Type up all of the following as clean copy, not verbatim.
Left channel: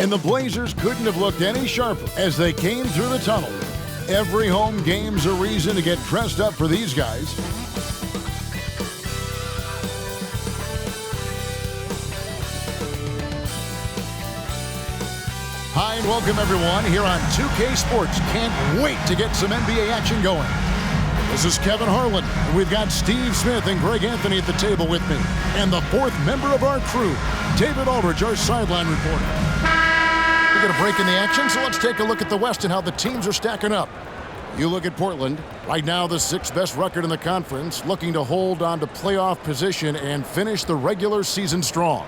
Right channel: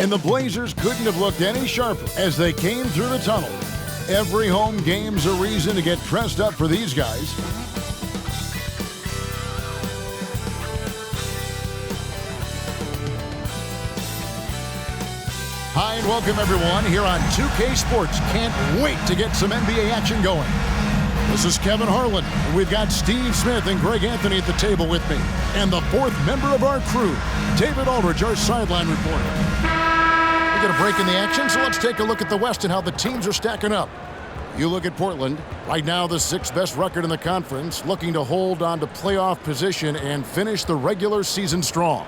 And the Blazers couldn't have looked any sharper as they came through the tunnel. Every home game's a reason to get dressed up for these guys. Hi and welcome everyone here on 2K Sports. Can't wait to get some NBA action going. This is Kevin Harlan. We've got Steve Smith and Greg Anthony at the table with me. And the fourth member of our crew, David Aldridge, our sideline reporter. We got a break in the action, so let's take a look at the West and how the teams are stacking up. You look at Portland, right now the sixth best record in the conference, looking to hold on to playoff position and finish the regular season strong.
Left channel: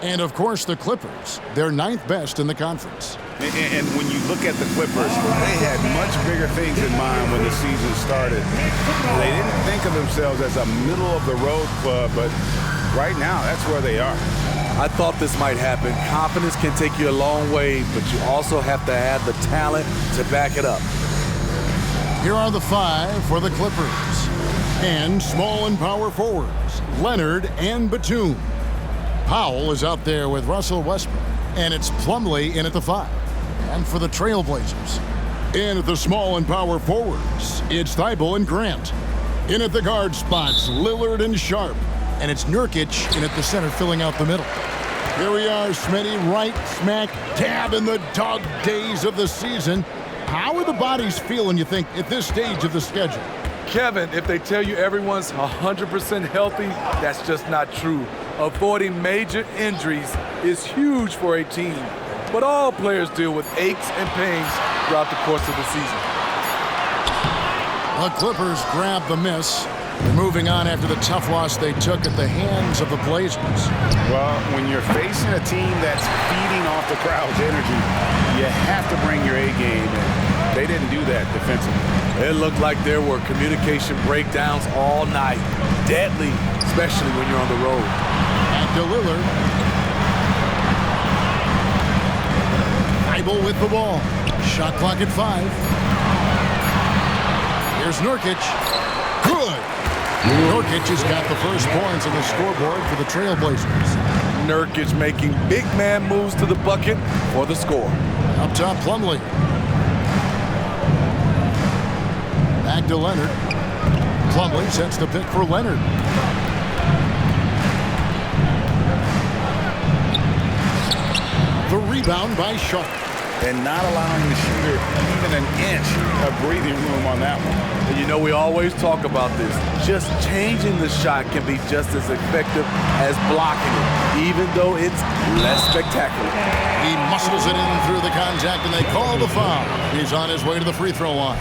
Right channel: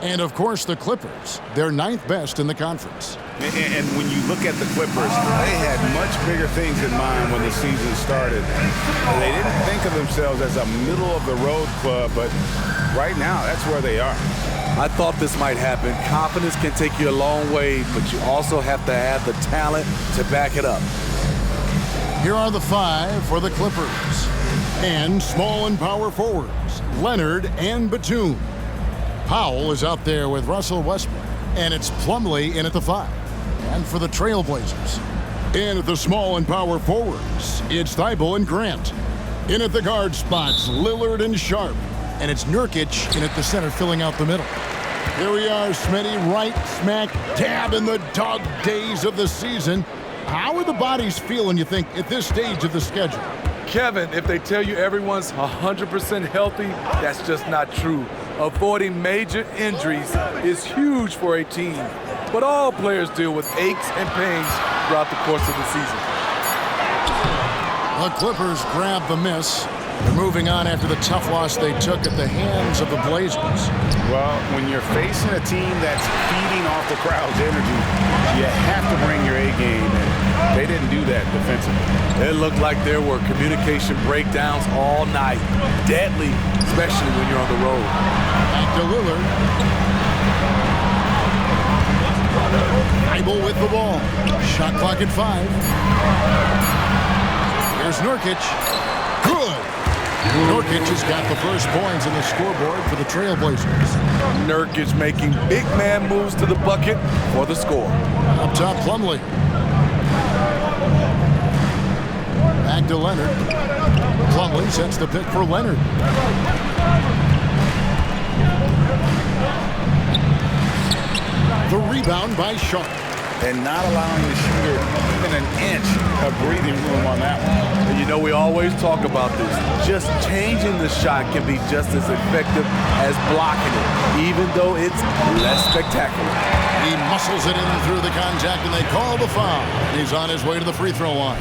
And of course the Clippers, they're ninth best in the conference. And when you look at the Clippers, they had much bigger things in mind when the season started. They didn't think of themselves as a middle-of-the-road club, but right now, that's where they are. I thought this might happen. Confidence can take you a long way, but you also have to have the talent to back it up. Here are the five for the Clippers. And small and power forwards, Leonard and Batum. Powell is out there with Russell Westbrook, and it's Plumlee in at the 5. And for the Trailblazers, in at the small and power forwards, it's Thibault and Grant. In at the guard spots, Lillard and Sharp. And it's Nurkic in at the center, filling out the middle. Here we are, Smitty, right smack dab in the dog days of the season. How are the bodies feeling, you think, at this stage of the schedule? Kevin, if they tell you everyone's 100% healthy, that's just not true. Avoiding major injuries is huge for a team, but all players deal with aches and pains throughout the course of the season. The Clippers grab the miss. They're moving on after the tough loss they took at the hands of the Blazers. Well, when you're facing a team that's feeding off the crowd's energy, you have to bring your A game, and they didn't do that defensively. It looked like there were communication breakdowns all night. Deadly, especially when you're on the road. Back to Lillard. Thibault with the ball. Shot clock at 5. Here's Nurkic. Good. Nurkic has got the first points on the scoreboard for the Trailblazers. Nurkic making big man moves to the bucket for the score. Up top, Plumlee. Back to Leonard. Plumlee sets the pick for Leonard. The rebound by Sharp. And not allowing the shooter even an inch of breathing room on that one. And you know, we always talk about this. Just changing the shot can be just as effective as blocking it, even though it's less spectacular. He muscles it in through the contact, and they call the foul. He's on his way to the free throw line.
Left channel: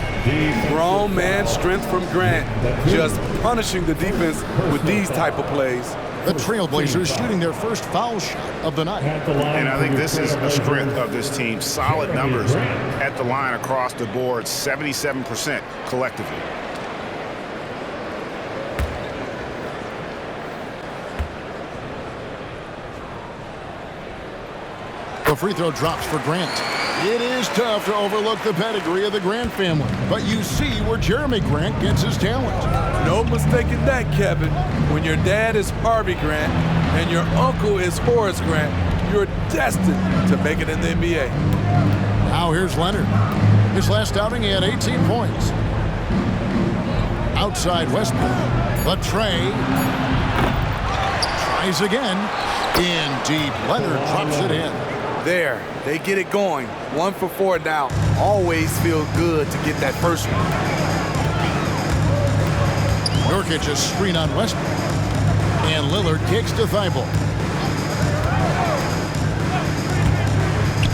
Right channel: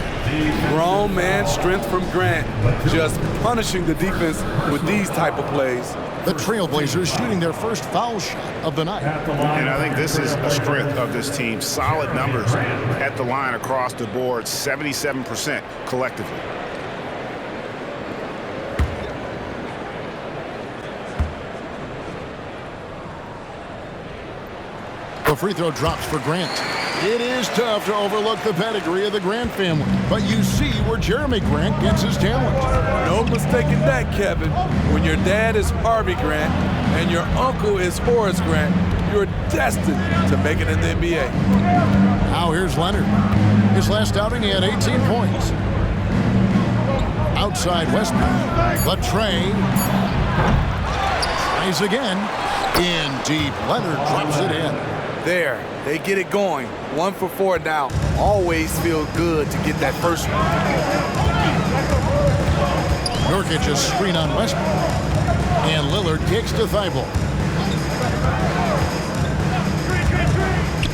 Grown man strength from Grant, just punishing the defense with these type of plays. The Trailblazers shooting their first foul shot of the night. And I think this is a strength of this team. Solid numbers at the line across the board, 77% collectively. The free throw drops for Grant. It is tough to overlook the pedigree of the Grant family, but you see where Jeremy Grant gets his talent. No mistaking that, Kevin. When your dad is Harvey Grant and your uncle is Horace Grant, you're destined to make it in the NBA. Now here's Leonard. His last outing, he had 18 points. Outside Westbrook. The tray. Tries again. In deep. Leonard drops it in. There, they get it going. 1 for 4 now. Always feel good to get that first one. Nurkic a screen on Westbrook. And Lillard kicks to Thibault.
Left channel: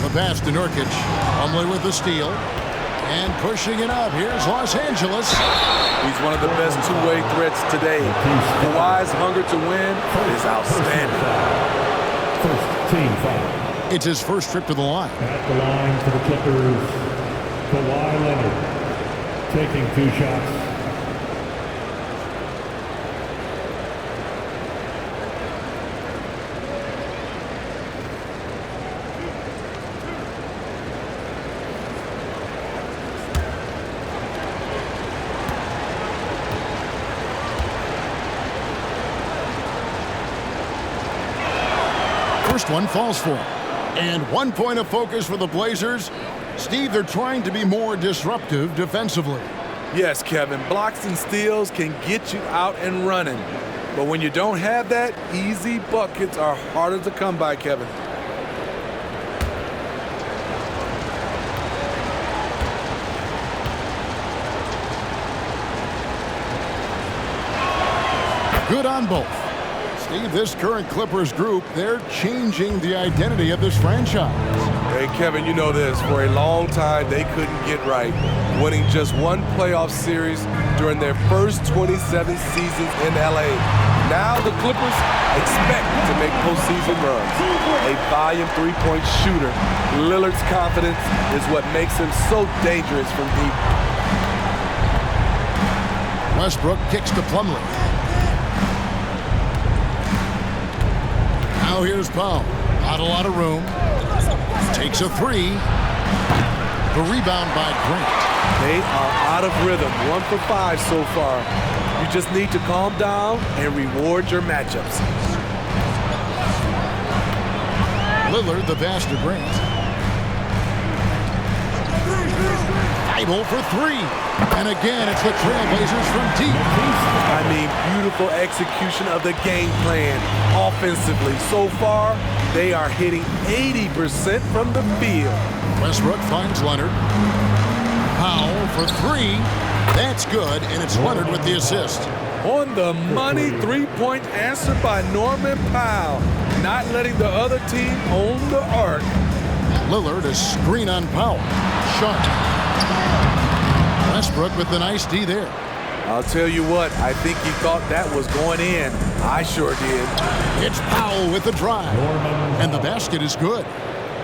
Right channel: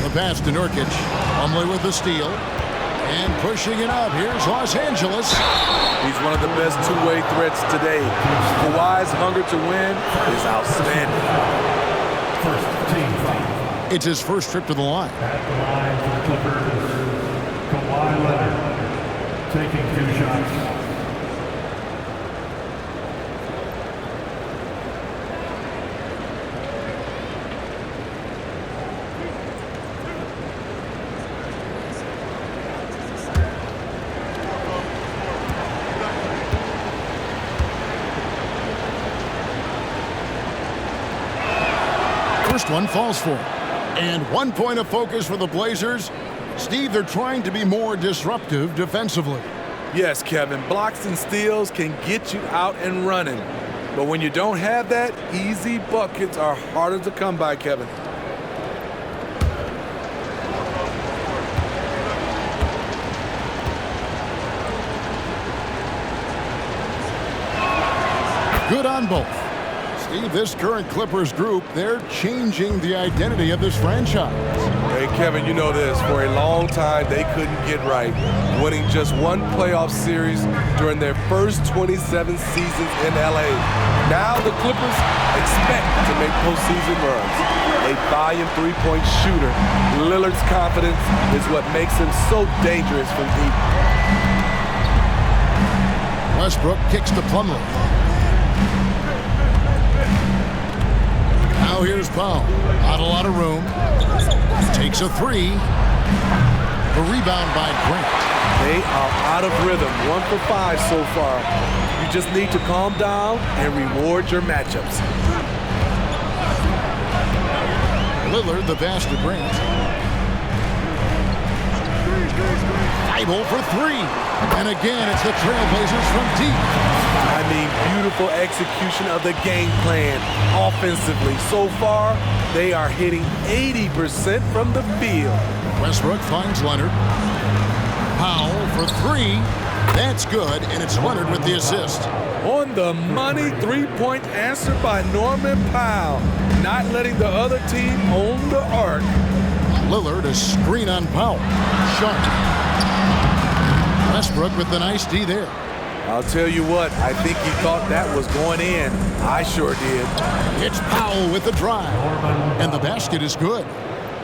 The pass to Nurkic. Plumlee with the steal. And pushing it up. Here's Los Angeles. He's one of the best two-way threats today. Kawhi's hunger to win is outstanding. First team foul. It's his first trip to the line. At the line for the Clippers, Kawhi Leonard taking 2 shots. First one falls for him. And 1 point of focus for the Blazers. Steve, they're trying to be more disruptive defensively. Yes, Kevin, blocks and steals can get you out and running. But when you don't have that, easy buckets are harder to come by, Kevin. Good on both. Steve, this current Clippers group, they're changing the identity of this franchise. Hey, Kevin, you know this. For a long time, they couldn't get right, winning just one playoff series during their first 27 seasons in L.A. Now the Clippers expect to make postseason runs. A volume three-point shooter, Lillard's confidence is what makes him so dangerous from deep. Westbrook kicks to Plumlee. Now here's Powell. Not a lot of room. Takes a three. The rebound by Grant. They are out of rhythm, 1 for 5 so far. You just need to calm down and reward your matchups. Lillard, the pass to Grant. Thibault for three. And again, it's the Trailblazers from deep. I mean, beautiful execution of the game plan offensively. So far, they are hitting 80% from the field. Westbrook finds Leonard. Powell for three. That's good, and it's Leonard with the assist. On the money three-point answer by Norman Powell. Not letting the other team own the arc. Lillard, a screen on Powell. Sharp. Westbrook with the nice D there. I'll tell you what, I think he thought that was going in. I sure did. It's Powell with the drive. And the basket is good.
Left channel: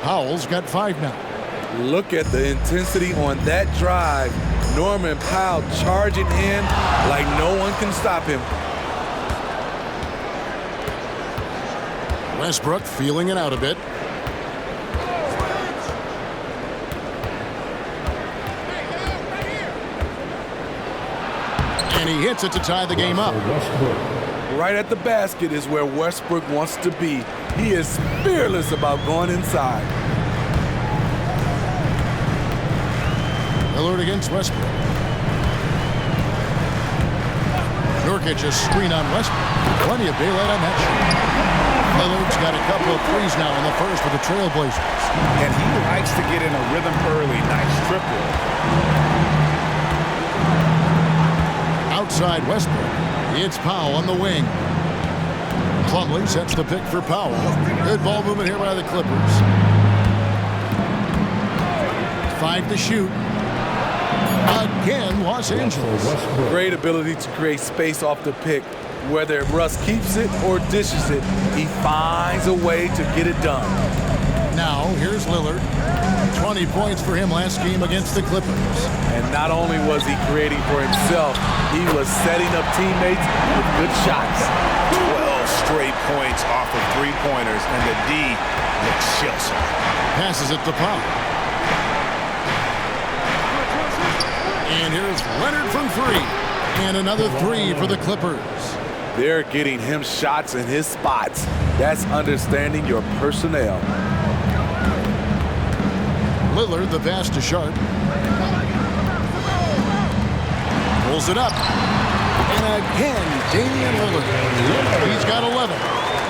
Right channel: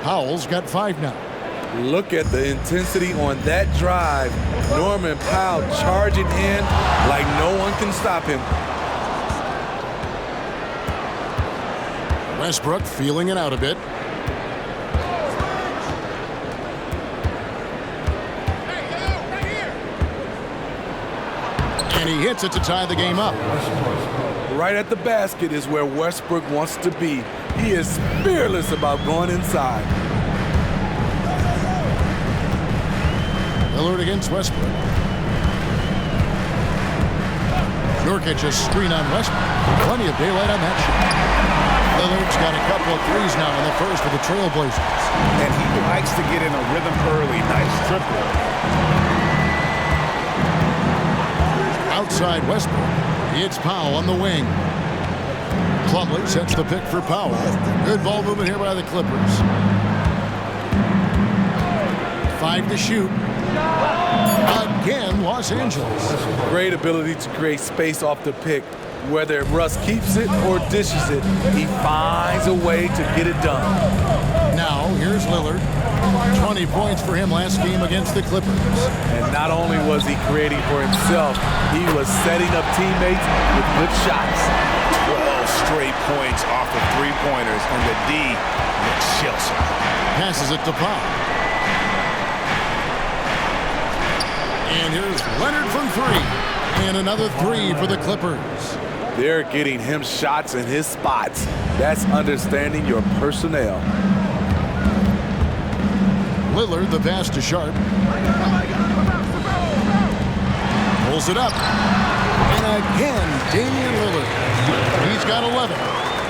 Powell's got 5 now. Look at the intensity on that drive. Norman Powell charging in like no one can stop him. Westbrook feeling it out a bit. And he hits it to tie the game up. Right at the basket is where Westbrook wants to be. He is fearless about going inside. Lillard against Westbrook. Nurkic a screen on Westbrook. Plenty of daylight on that shot. Lillard's got a couple of threes now in the first for the Trailblazers. And he likes to get in a rhythm early. Nice triple. Outside Westbrook. It's Powell on the wing. Plumlee sets the pick for Powell. Good ball movement here by the Clippers. 5 to shoot. Again, Los Angeles. Great ability to create space off the pick. Whether Russ keeps it or dishes it, he finds a way to get it done. Now, here's Lillard. 20 points for him last game against the Clippers. And not only was he creating for himself, he was setting up teammates with good shots. 12 straight points off of three-pointers, and the D looks shell-shocked. Passes it to Powell. And here's Leonard from 3. And another 3 for the Clippers. They're getting him shots in his spots. That's understanding your personnel. Lillard, the pass to Sharp. Pulls it up. And again, Damian Lillard. He's got 11.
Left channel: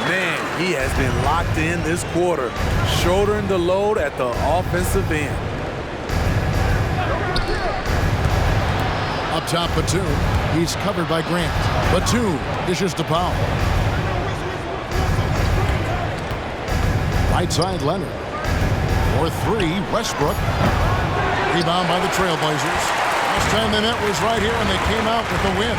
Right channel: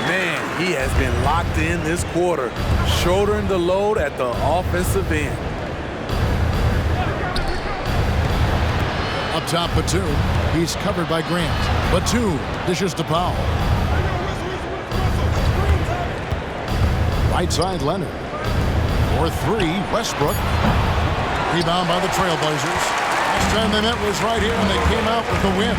Man, he has been locked in this quarter, shouldering the load at the offensive end. Up top, Batum. He's covered by Grant. Batum dishes to Powell. Right side, Leonard. For 3, Westbrook. Rebound by the Trailblazers. Last time they met was right here, and they came out with a win.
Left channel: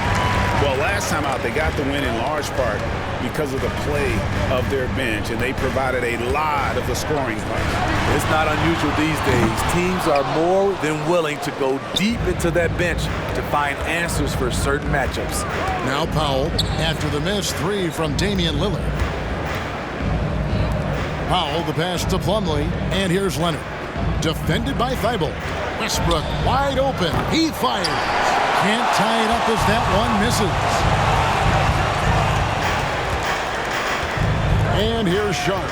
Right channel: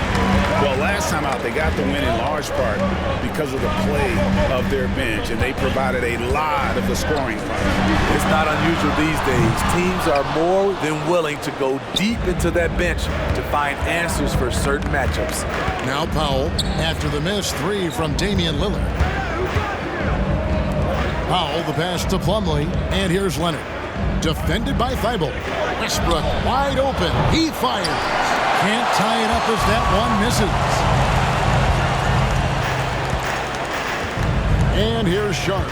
Well, last time out, they got the win in large part because of the play of their bench, and they provided a lot of the scoring punch. It's not unusual these days. Teams are more than willing to go deep into that bench to find answers for certain matchups. Now Powell, after the missed 3 from Damian Lillard. Powell, the pass to Plumlee, and here's Leonard. Defended by Thibault. Westbrook wide open. He fires. Can't tie it up as that one misses. And here's Sharp.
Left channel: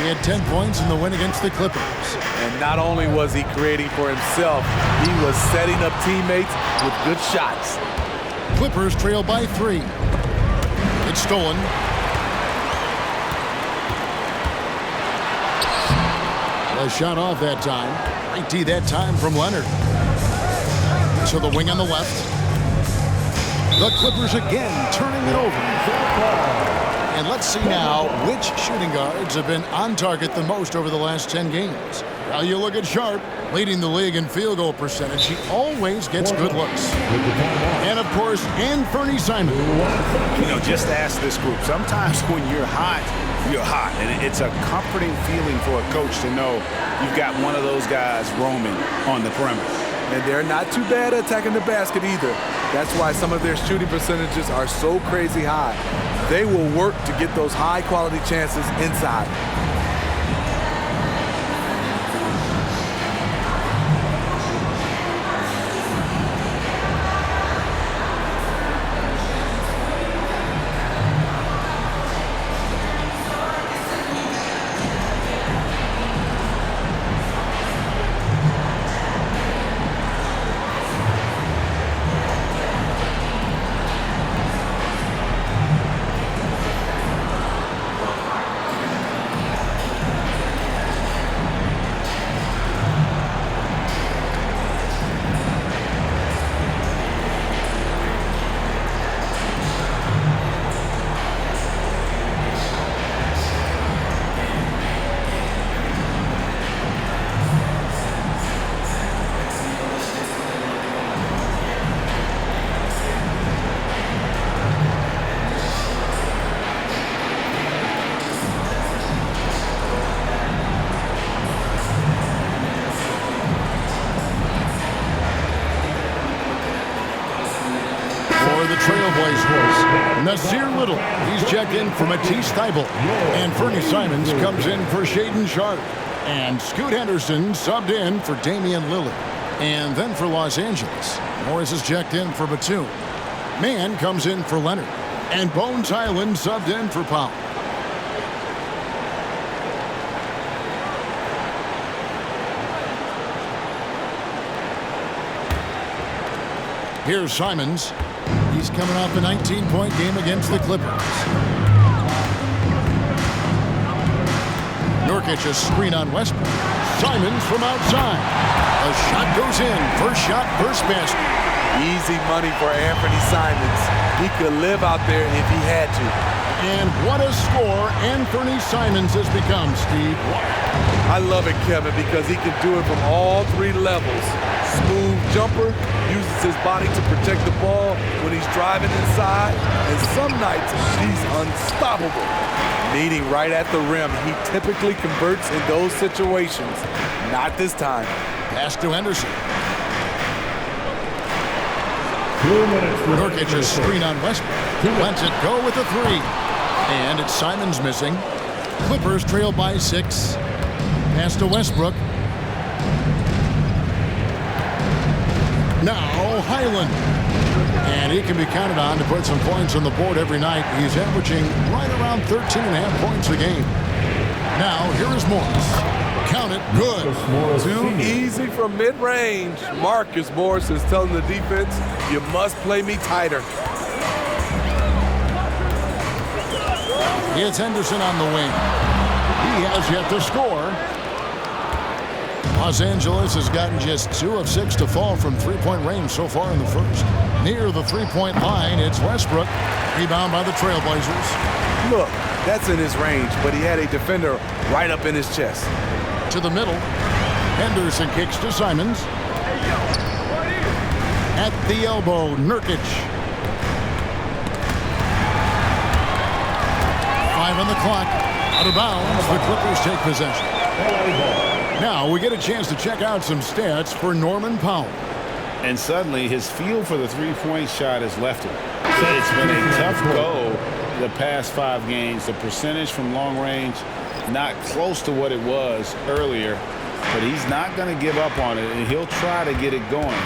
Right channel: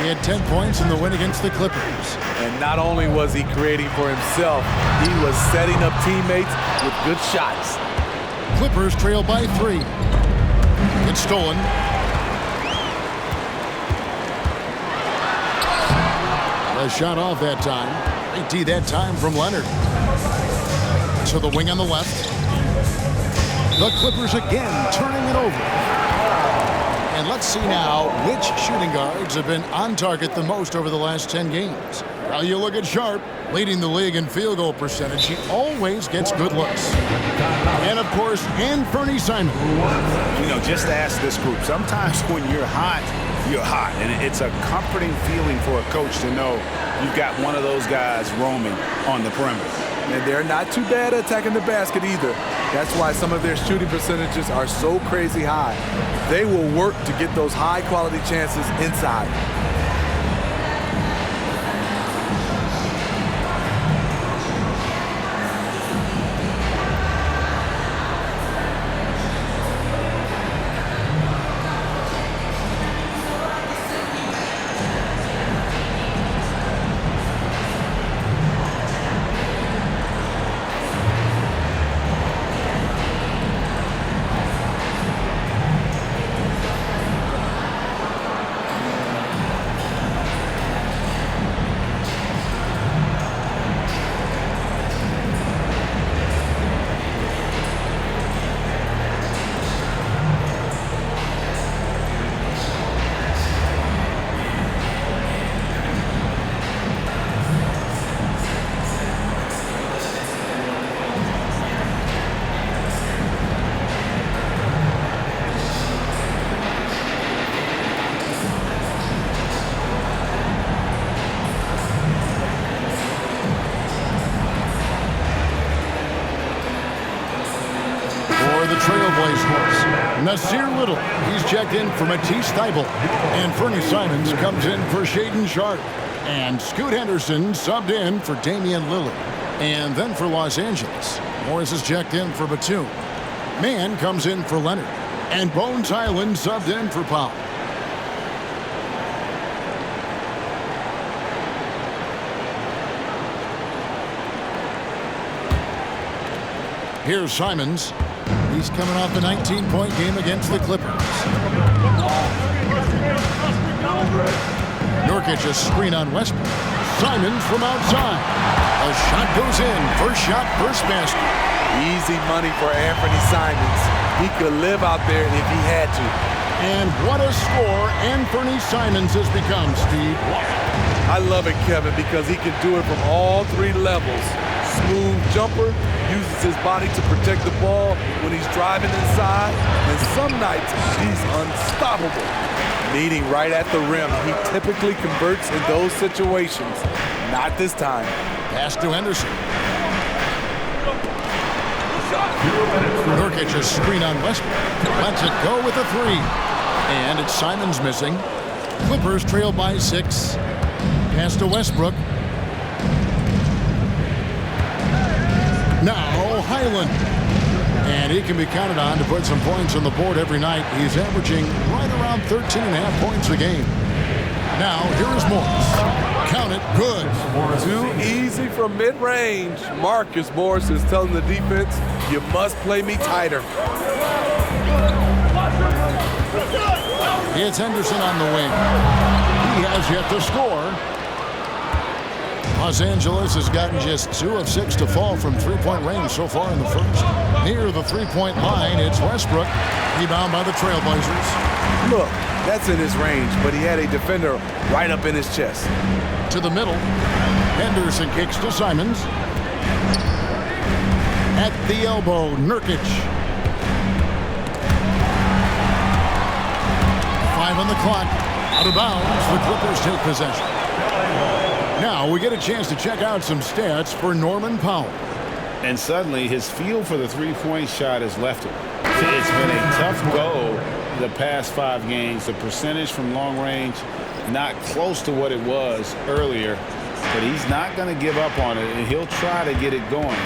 He had 10 points in the win against the Clippers. And not only was he creating for himself, he was setting up teammates with good shots. Clippers trail by 3. It's stolen. A shot off that time. Great D that time from Leonard. To the wing on the left. The Clippers again turning it over. And let's see now which shooting guards have been on target the most over the last 10 games. Well, you look at Sharp, leading the league in field goal percentage. He always gets good looks. And, of course, Anthony Simons. You know, just ask this group. Sometimes when you're hot, you're hot. And it's a comforting feeling for a coach to know you've got one of those guys roaming on the perimeter. And they're not too bad at attacking the basket either. That's why some of their shooting percentages are so crazy high. They will work to get those high-quality chances inside. For the Trailblazers, Nasir Little. He's checked in for Matisse Thybulle. And Fernie Simons comes in for Shaedon Sharpe. And Scoot Henderson subbed in for Damian Lillard. And then for Los Angeles, Morris is checked in for Batum. Mann comes in for Leonard. And Bones Highland subbed in for Powell. Here's Simons. He's coming off a 19-point game against the Clippers. Nurkic a screen on Westbrook. Simons from outside. A shot goes in. First shot, first basket. Easy money for Anthony Simons. He could live out there if he had to. And what a score Anthony Simons has become, Steve. Wow. I love it, Kevin, because he can do it from all 3 levels. Smooth jumper, uses his body to protect the ball when he's driving inside, and some nights he's unstoppable. Meeting right at the rim, he typically converts in those situations. Not this time. Pass to Henderson. Nurkic a screen on Westbrook. Lets it go with a 3. And it's Simons missing. Clippers trail by 6. Pass to Westbrook. Now Highland. And he can be counted on to put some points on the board every night. He's averaging right around 13.5 points a game. Now here is Morris. Count it, good. Too easy from mid-range. Marcus Morris is telling the defense, you must play me tighter. It's Henderson on the wing. He has yet to score. Los Angeles has gotten just 2 of 6 to fall from three-point range so far in the first. Near the three-point line, it's Westbrook. Rebound by the Trailblazers. Look, that's in his range, but he had a defender right up in his chest. To the middle. Henderson kicks to Simons. At the elbow, Nurkic. 5 on the clock. Out of bounds, the Clippers take possession. Now we get a chance to check out some stats for Norman Powell. And suddenly his feel for the three-point shot has left him. It's been a tough go the past 5 games. The percentage from long range not close to what it was earlier, but he's not going to give up on it, and he'll try to get it going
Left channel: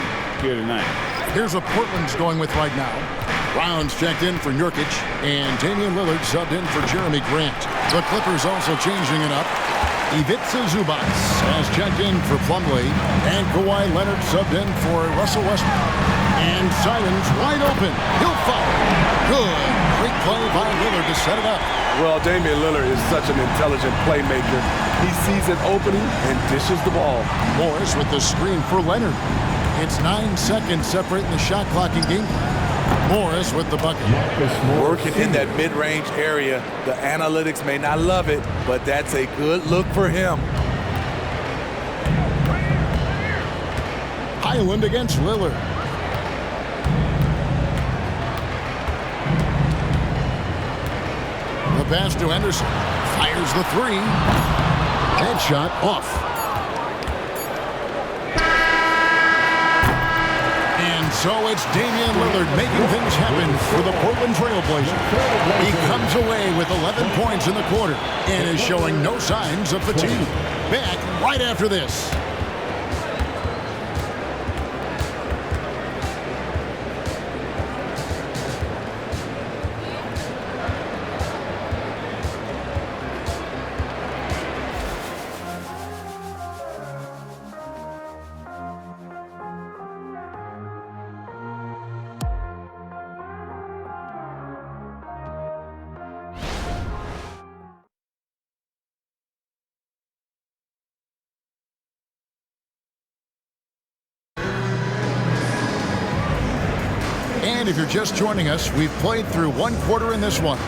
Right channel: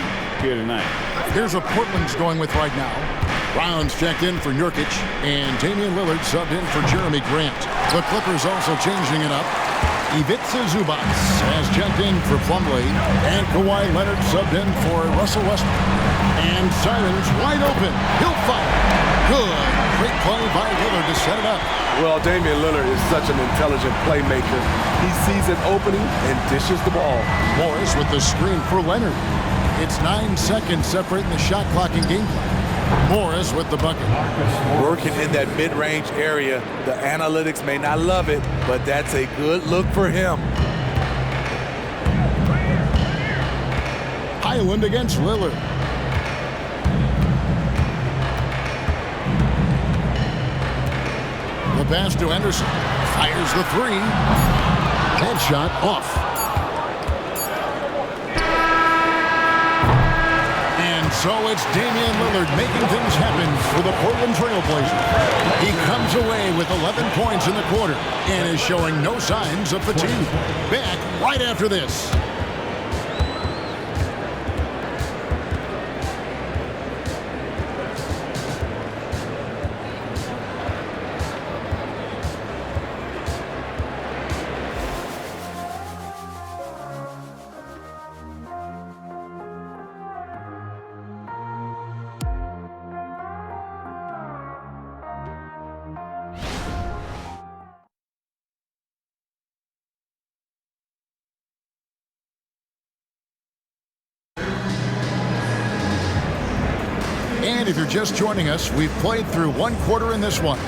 here tonight. Here's what Portland's going with right now. Brown's checked in for Nurkic, and Damian Lillard subbed in for Jeremy Grant. The Clippers also changing it up. Ivica Zubac has checked in for Plumlee, and Kawhi Leonard subbed in for Russell Westbrook. And Simons wide open. He'll fire. Good. Great play by Lillard to set it up. Well, Damian Lillard is such an intelligent playmaker. He sees an opening and dishes the ball. Morris with the screen for Leonard. It's 9 seconds separating the shot clock and game plan. Morris with the bucket. Working in that mid-range area. The analytics may not love it, but that's a good look for him. Highland against Lillard. The pass to Henderson. Fires the three. Headshot off. And so it's Damian Lillard making things happen for the Portland Trail Blazers. He comes away with 11 points in the quarter and is showing no signs of fatigue. Back right after this. And if you're just joining us, we've played through one quarter in this one.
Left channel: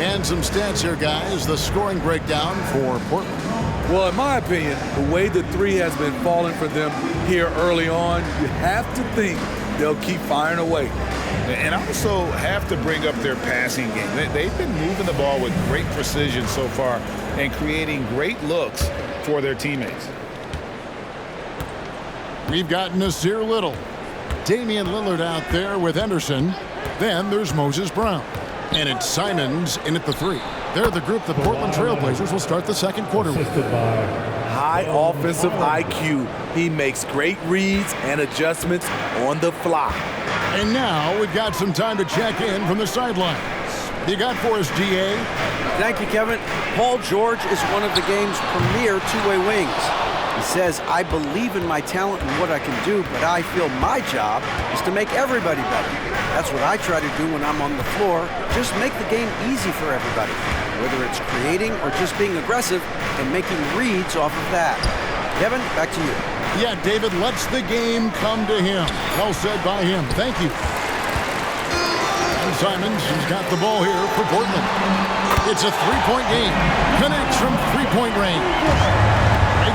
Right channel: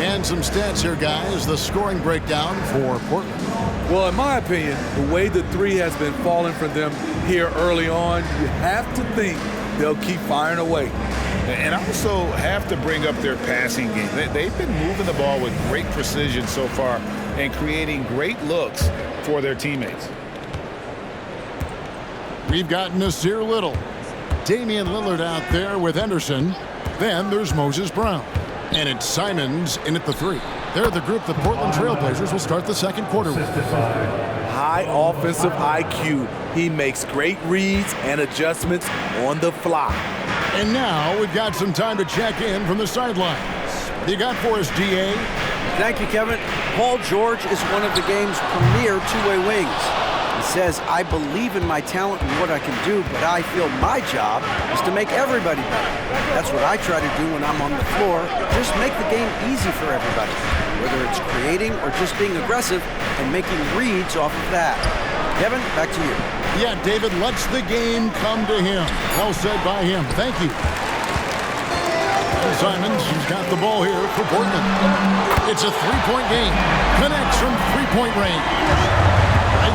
And some stats here, guys. The scoring breakdown for Portland. Well, in my opinion, the way the three has been falling for them here early on, you have to think they'll keep firing away. And also have to bring up their passing game. They've been moving the ball with great precision so far and creating great looks for their teammates. We've got Nasir Little. Damian Lillard out there with Henderson. Then there's Moses Brown. And it's Simons in at the three. They're the group the Portland Trail Blazers will start the second quarter with. High offensive IQ. He makes great reads and adjustments on the fly. And now we've got some time to check in from the sidelines. What do you got for us, DA? Thank you, Kevin. Paul George is one of the game's premier two-way wings. He says, I believe in my talent and what I can do, but I feel my job is to make everybody better. That's what I try to do when I'm on the floor. Just make the game easy for everybody, whether it's creating or just being aggressive and making reads off of that. Kevin, back to you. Yeah, David lets the game come to him. Well said by him. Thank you. And Simons, who's got the ball here for Portland. It's a three-point game. Connects from three-point range.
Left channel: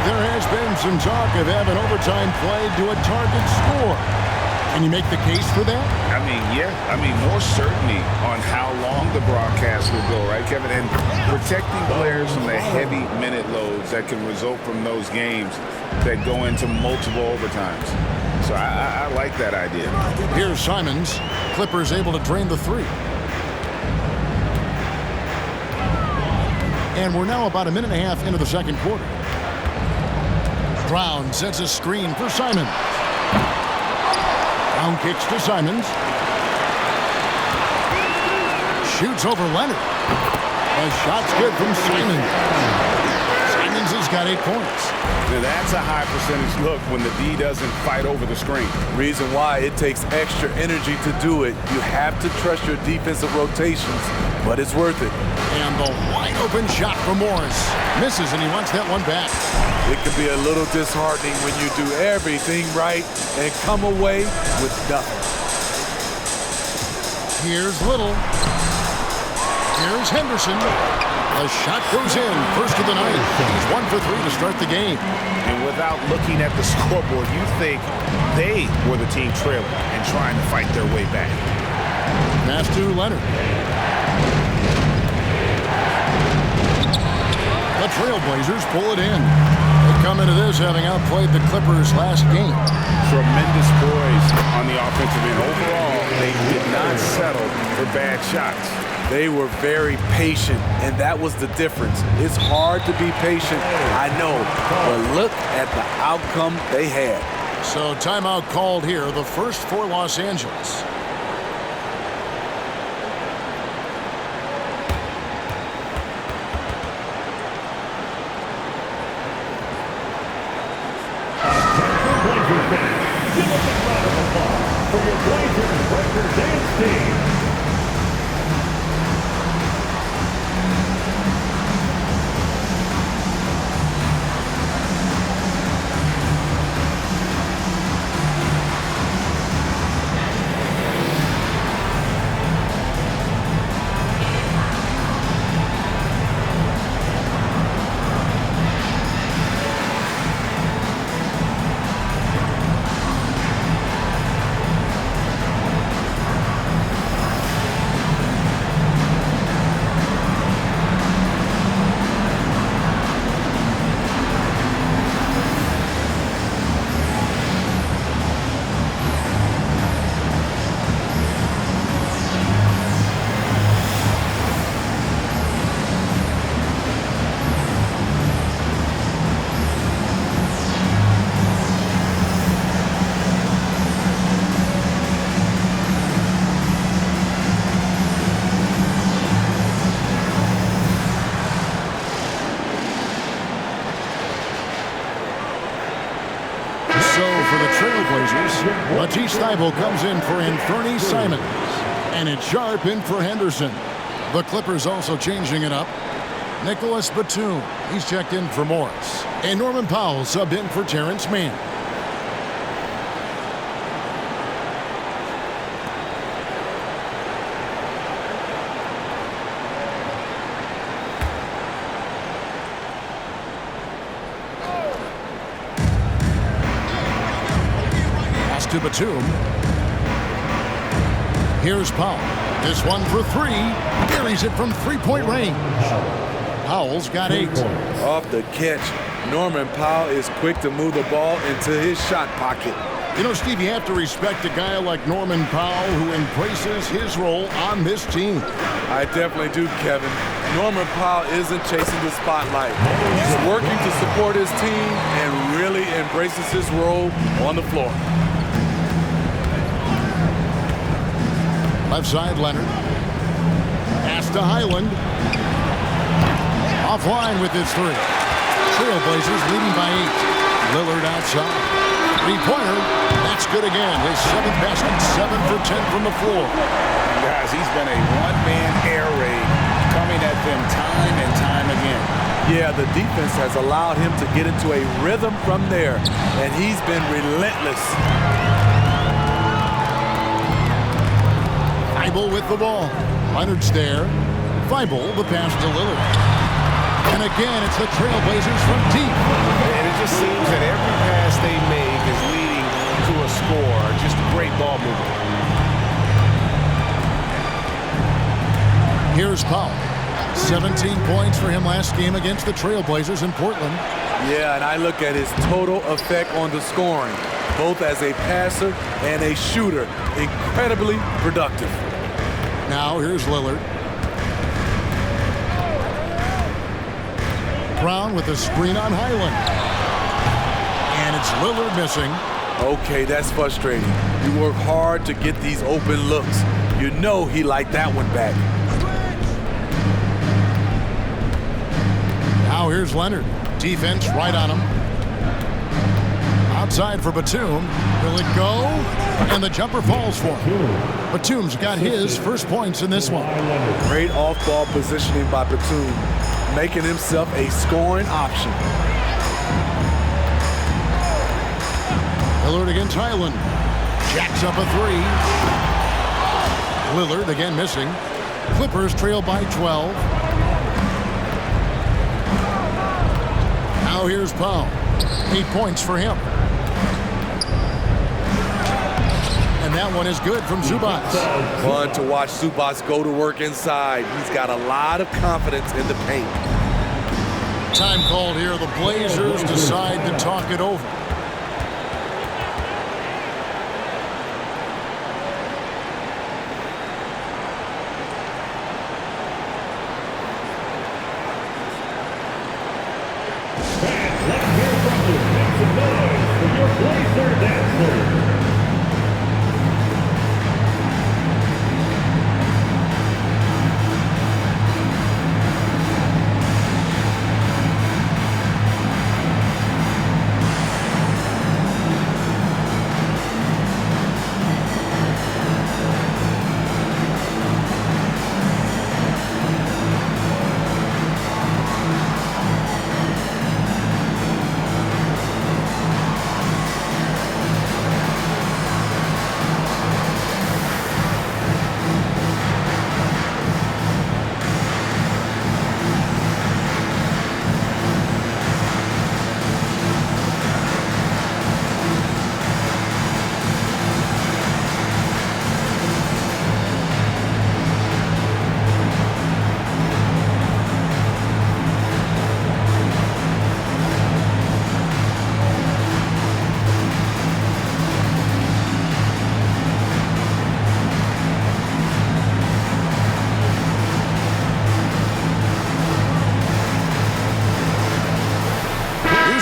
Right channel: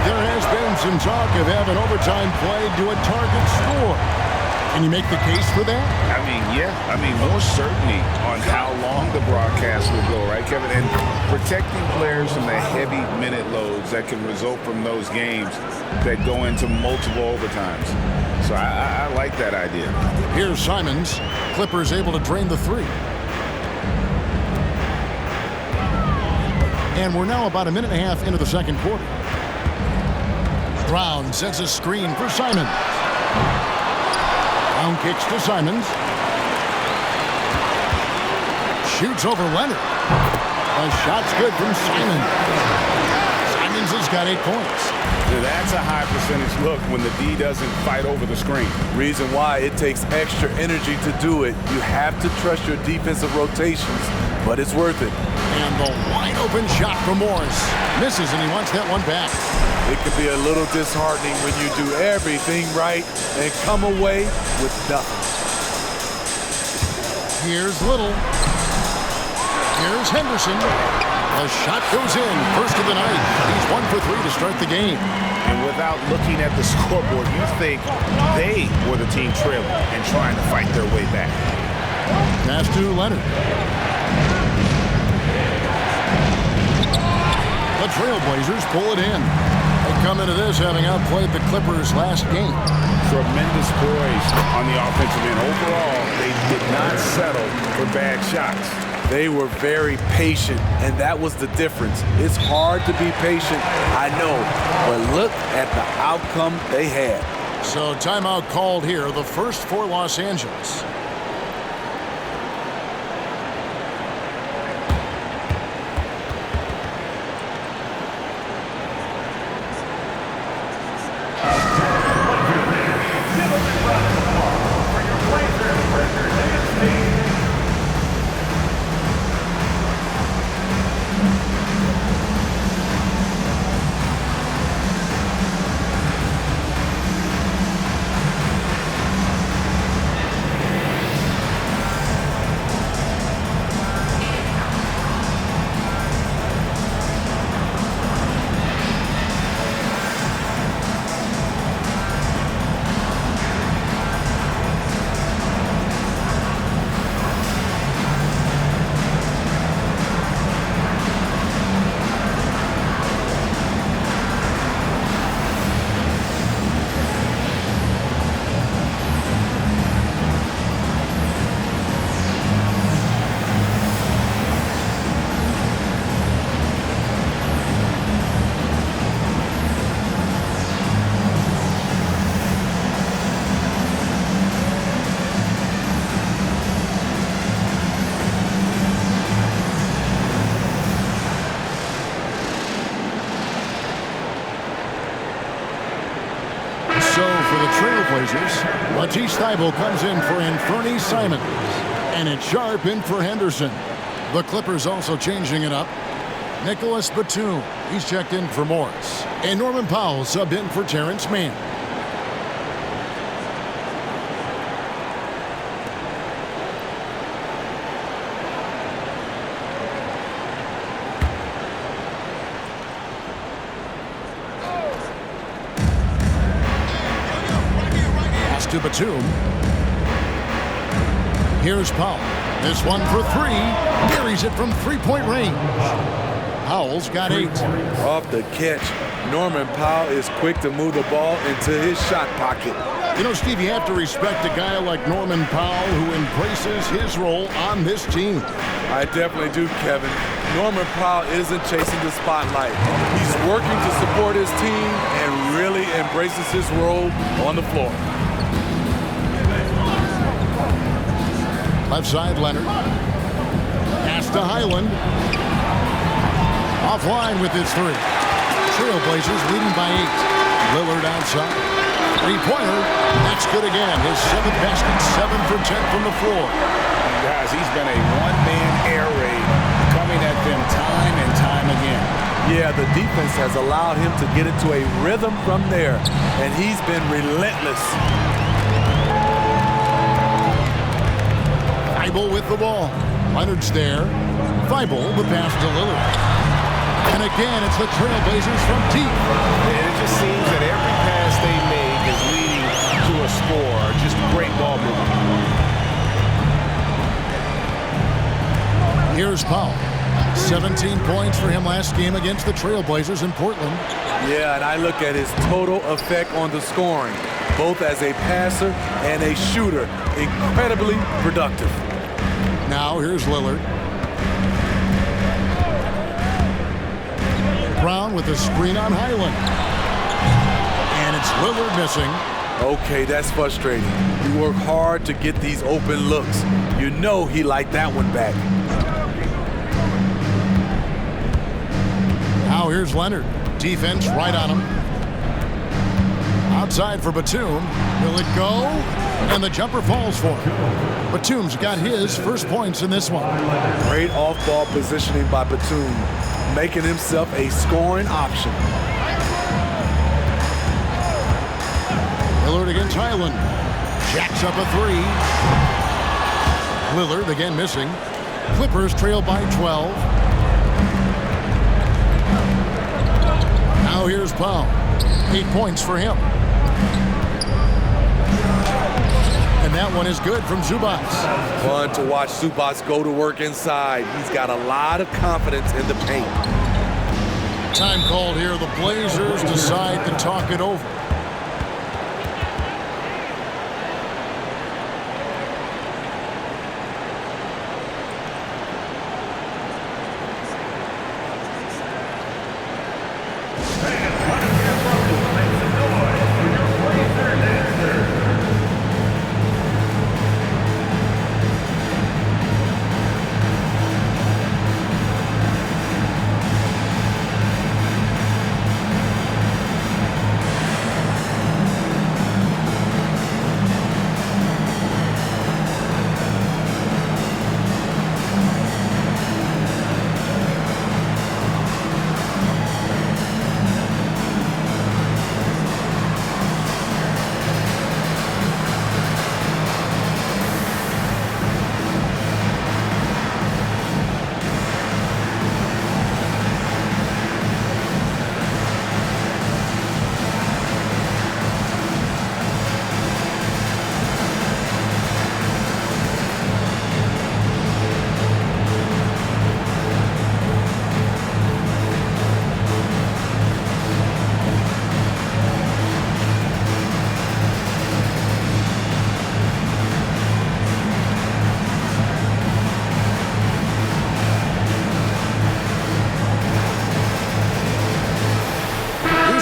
There has been some talk of having overtime played to a target score. Can you make the case for that? More certainty on how long the broadcast will go, right, Kevin? And protecting players from the heavy minute loads that can result from those games that go into multiple overtimes. So I like that idea. Here's Simons. Clippers able to drain the three. And we're now about a minute and a half into the second quarter. Brown sets a screen for Simons. Brown kicks to Simons. Shoots over Leonard. The shot's good from Simons. Simons has got 8 points. Now that's a high percentage look when the D doesn't fight over the screen. Reason why it takes extra energy to do it. You have to trust your defensive rotations, but it's worth it. And the wide open shot from Morris. Misses, and he wants that one back. It can be a little disheartening when you do everything right and come away with nothing. Here's Little. Here's Henderson. The shot goes in. First of the night. He's 1 for 3 to start the game. And without looking at the scoreboard, you think they were the team trailing and trying to fight their way back. Pass to Leonard. The Trailblazers pull it in. They come into this having outplayed the Clippers last game. Tremendous poise on the offensive end. Overall, they did not settle for bad shots. They were very patient, and that was the difference. It's hard to be patient, I know, but look at the outcome they had. So timeout called here, the first for Los Angeles. So for the Trailblazers, Matisse Thybulle comes in for Anthony Simons. And it's Sharp in for Henderson. The Clippers also changing it up. Nicholas Batum, he's checked in for Morris. And Norman Powell subbed in for Terrence Mann. Pass to Batum. Here's Powell. This one for three. Buries it from three-point range. Powell's got 8. Off the catch, Norman Powell is quick to move the ball into his shot pocket. You know, Steve, you have to respect a guy like Norman Powell who embraces his role on this team. I definitely do, Kevin. Norman Powell isn't chasing the spotlight. He's working to support his team and really embraces his role on the floor. Left side, Leonard. Pass to Highland. Offline with his 3. Trailblazers leading by 8. Lillard outside. Three-pointer. That's good again. His 7th basket, 7 for 10 from the floor. Guys, he's been a one-man air raid coming at them time and time again. Yeah, the defense has allowed him to get into a rhythm from there, and he's been relentless. Thybulle with the ball. Leonard's there. Thybulle, the pass to Lillard. And again, it's the Trailblazers from deep. And it just seems that every pass they make is leading to a score. Just great ball movement. Here's Powell. 17 points for him last game against the Trailblazers in Portland. Yeah, and I look at his total effect on the scoring, both as a passer and a shooter. Incredibly productive. Now here's Lillard. Brown with a screen on Highland. And it's Lillard missing. Okay, that's frustrating. You work hard to get these open looks. You know he liked that one back. Now here's Leonard. Defense right on him. Outside for Batum. Will it go? And the jumper falls for him. Batum's got his first points in this one. Great off-ball positioning by Batum, making himself a scoring option. Lillard against Highland. Jacks up a 3. Lillard again missing. Clippers trail by 12. Now here's Powell. 8 points for him. And that one is good from Zubac. Fun to watch Zubac go to work inside. He's got a lot of confidence in the paint. Time called here. The Blazers decide to talk it over.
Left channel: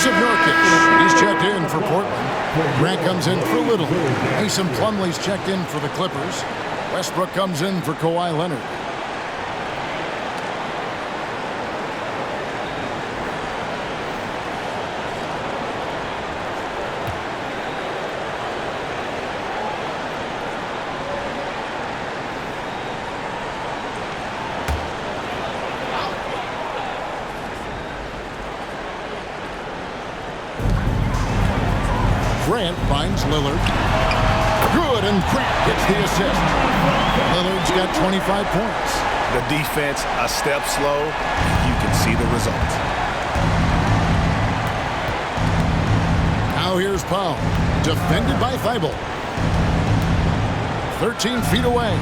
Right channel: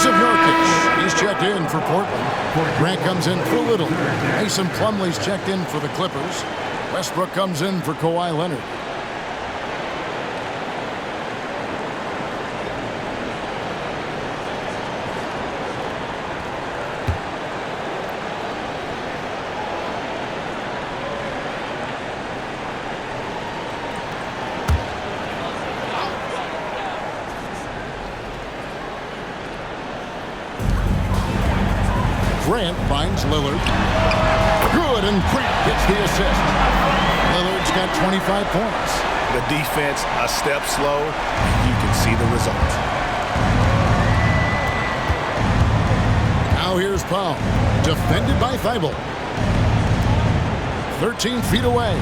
Of Nurkic. He's checked in for Portland. Grant comes in for Little. Mason Plumlee's checked in for the Clippers. Westbrook comes in for Kawhi Leonard. Grant finds Lillard. Good, and Grant gets the assist. Lillard's got 25 points. The defense a step slow, and you can see the result. Now here's Powell, defended by Thibault. 13 feet away.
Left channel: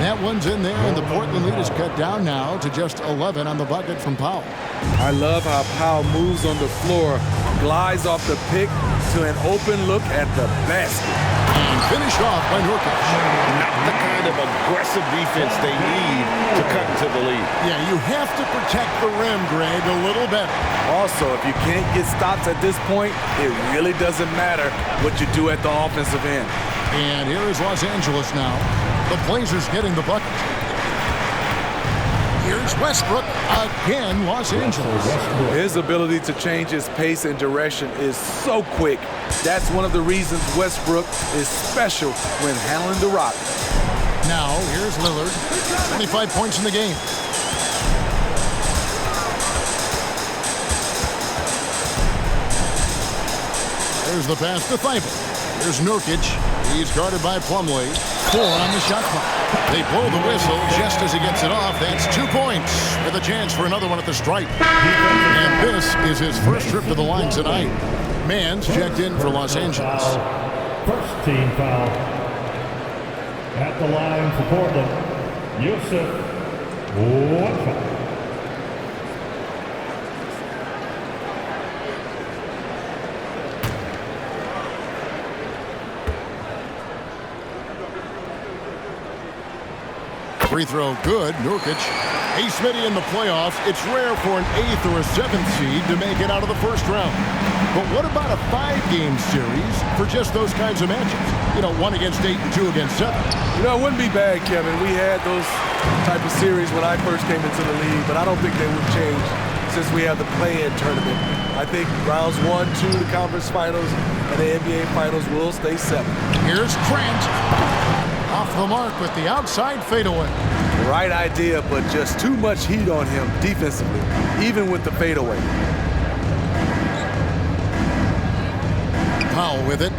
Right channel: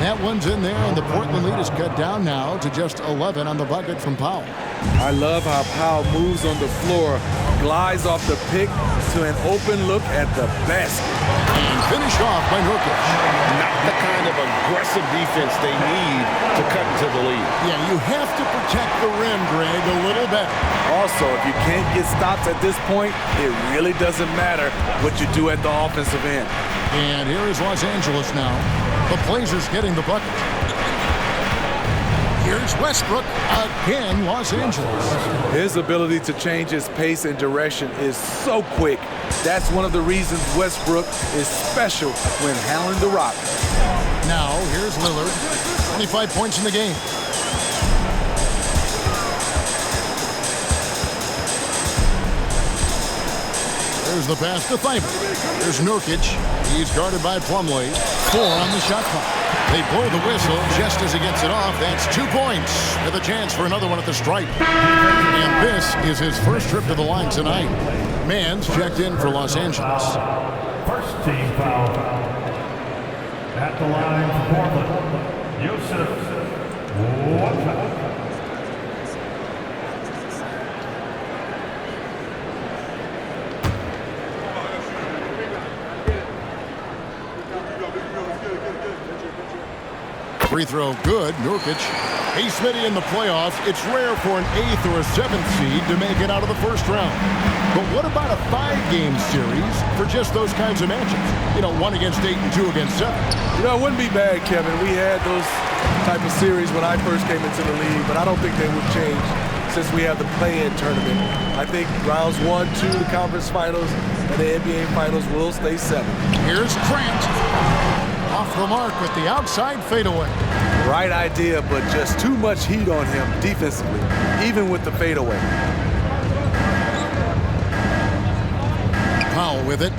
That one's in there, and the Portland lead is cut down now to just 11 on the bucket from Powell. I love how Powell moves on the floor, glides off the pick to an open look at the basket. And finished off by Nurkic. Not the kind of aggressive defense they need to cut into the lead. Yeah, you have to protect the rim, Greg, a little better. Also, if you can't get stops at this point, it really doesn't matter what you do at the offensive end. And here is Los Angeles now. The Blazers getting the bucket. Here's Westbrook again, Los Angeles. His ability to change his pace and direction is so quick. That's one of the reasons Westbrook is special when handling the rock. Now, here's Lillard. 25 points in the game. There's the pass to Thibault. Here's Nurkic. He's guarded by Plumlee. 4 on the shot clock. They blow the whistle just as he gets it off. That's 2 points with a chance for another one at the stripe. And this is his first trip to the line tonight. Mann's checked in for Los Angeles. First team foul. At the line for Portland, Yusuf. 1 foul. Free throw good. Nurkic. Hey, Smitty, in the playoffs, it's rare for an 8th or a 7th seed to make it out of the first round. But what about a 5-game series for just those kinds of matchups? You know, 1 against 8 and 2 against 7. You know, it wouldn't be bad, Kevin. We had those type of series when I first came into the league, but I don't think they would change since we have the play-in tournament. I think rounds 1, 2, the conference finals, and the NBA finals will stay 7. Here's Grant. Off the mark with the outside fadeaway. Right idea, but just too much heat on him defensively, even with the fadeaway. Powell with it.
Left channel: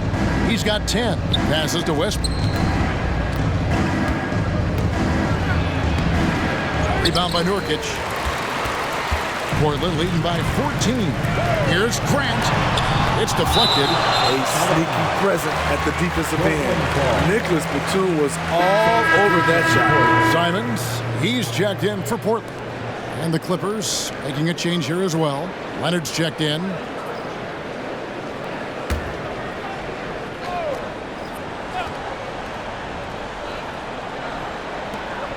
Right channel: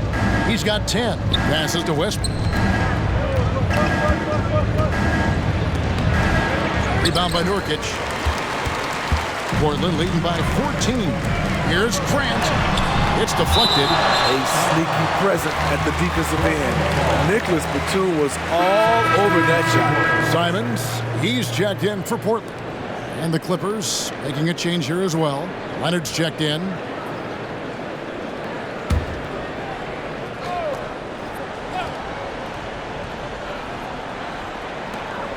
He's got 10. Passes to Westbrook. Rebound by Nurkic. Portland leading by 14. Here's Grant. It's deflected. A sneaky present at the defensive end. Nicholas Batum was all over that shot. Simons, he's checked in for Portland. And the Clippers making a change here as well. Leonard's checked in.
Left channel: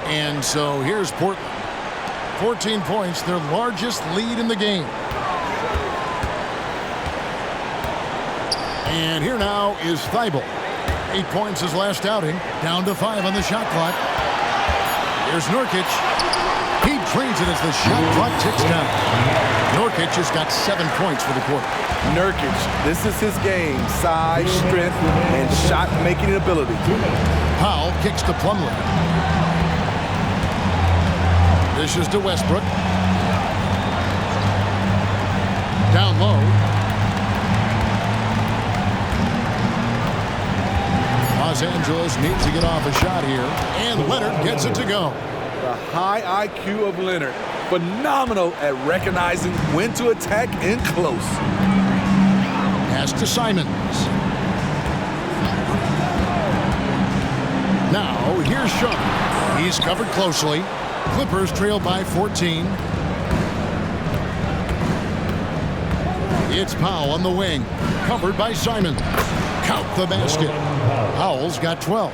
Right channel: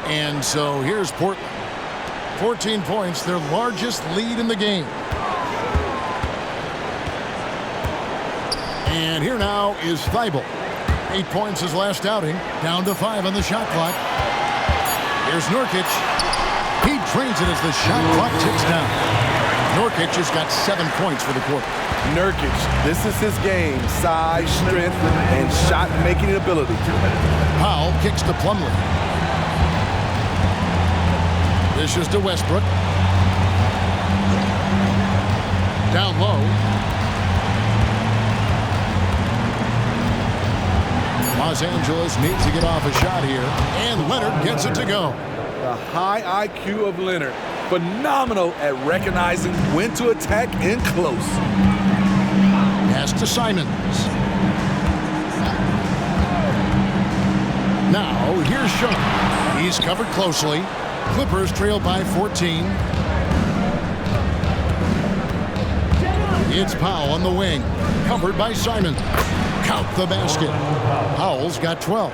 And so here's Portland. 14 points, their largest lead in the game. And here now is Thibault. 8 points his last outing, down to 5 on the shot clock. Here's Nurkic. He drains it as the shot clock ticks down. Nurkic has got 7 points for the quarter. Nurkic, this is his game. Size, strength, and shot-making ability. Powell kicks to Plumlee. Dishes to Westbrook. Down low. Los Angeles needs to get off a shot here, and Leonard gets it to go. The high IQ of Leonard. Phenomenal at recognizing when to attack in close. Pass to Simons. Now, here's Sean. He's covered closely. Clippers trail by 14. It's Powell on the wing. Covered by Simons. Count the basket. Powell's got 12.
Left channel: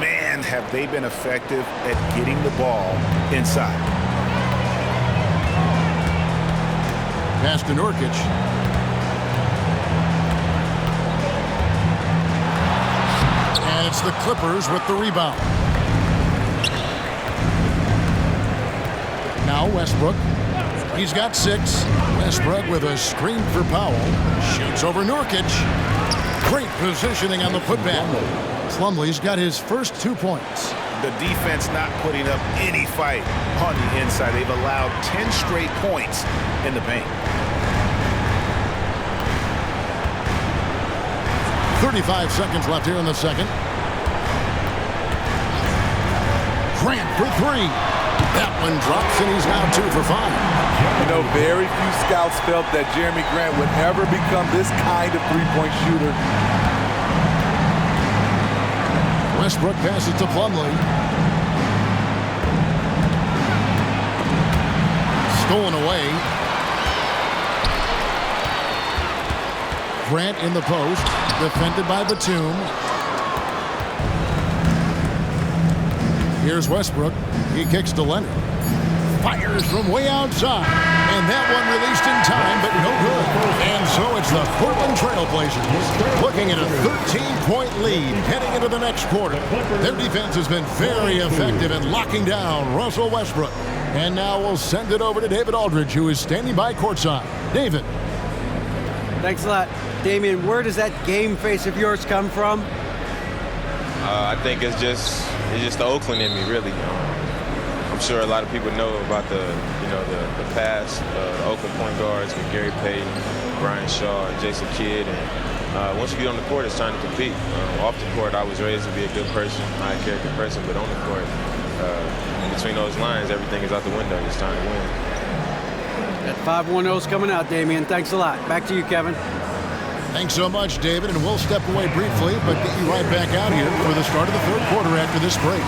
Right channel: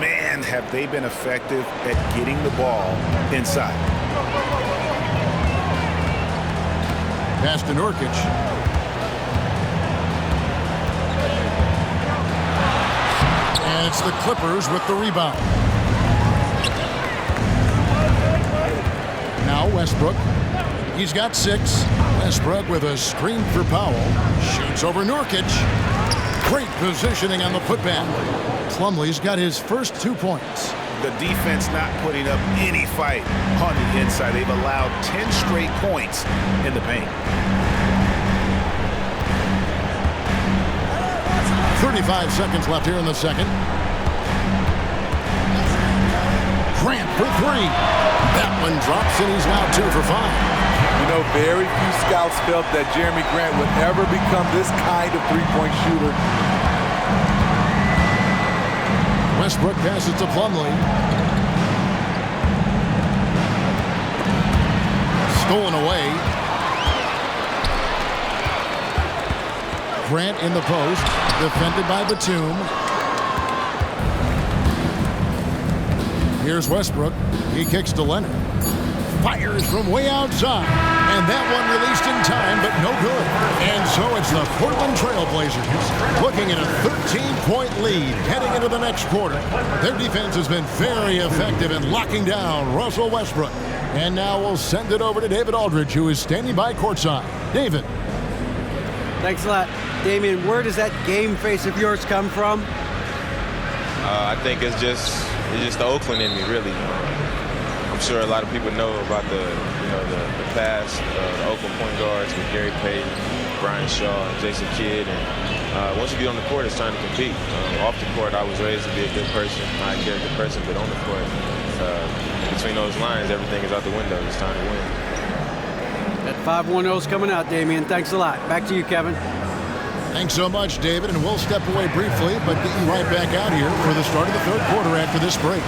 Man, have they been effective at getting the ball inside. Pass to Nurkic. And it's the Clippers with the rebound. Now Westbrook. He's got 6. Westbrook with a screen for Powell. Shoots over Nurkic. Great positioning on the putback. Plumlee's got his first 2 points. The defense not putting up any fight on the inside. They've allowed 10 straight points in the paint. 35 seconds left here in the second. Grant for three. That one drops, and he's now 2 for 5. You know, very few scouts felt that Jeremy Grant would ever become this kind of three-point shooter. Westbrook passes to Plumlee. Stolen away. Grant in the post, defended by Batum. Here's Westbrook. He kicks to Leonard. Fires from way outside. And that one released in time, but no good. And so it's the Portland Trail Blazers looking at a 13-point lead heading into the next quarter. Their defense has been very effective in locking down Russell Westbrook. And now we'll send it over to David Aldridge, who is standing by courtside. David. Thanks a lot. Damian, where does that game face of yours come from? I think it's just the Oakland in me, really. I'm sure a lot of people know about the past, the Oakland point guards with Gary Payton, Brian Shaw, and Jason Kidd. And once you get on the court, it's time to compete. Off the court, I was raised to be a good person, high-character person, but on the court, in between those lines, everything is out the window. It's time to win. That 5-1-0 is coming out, Damian. Thanks a lot. Back to you, Kevin. Thanks so much, David, and we'll step away briefly, but get you right back out here for the start of the third quarter after this break.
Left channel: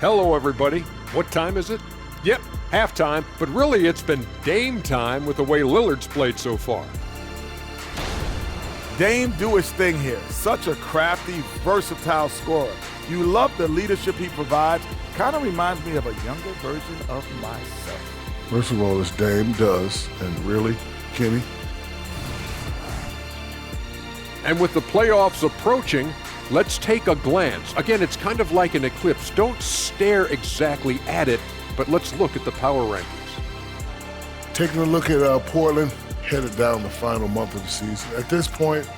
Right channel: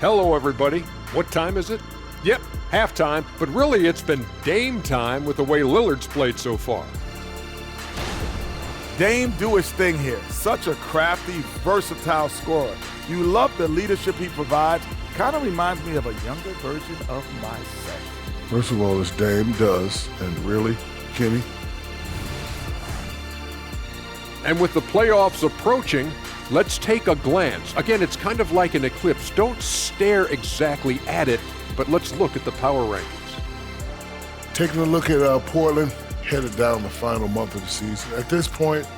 Hello, everybody. What time is it? Yep, halftime, but really it's been Dame time with the way Lillard's played so far. Dame do his thing here. Such a crafty, versatile scorer. You love the leadership he provides. Kind of reminds me of a younger version of myself. First of all, this Dame does, and really, Kenny. And with the playoffs approaching, let's take a glance. Again, it's kind of like an eclipse. Don't stare exactly at it, but let's look at the power rankings. Taking a look at Portland, headed down the final month of the season. At this point,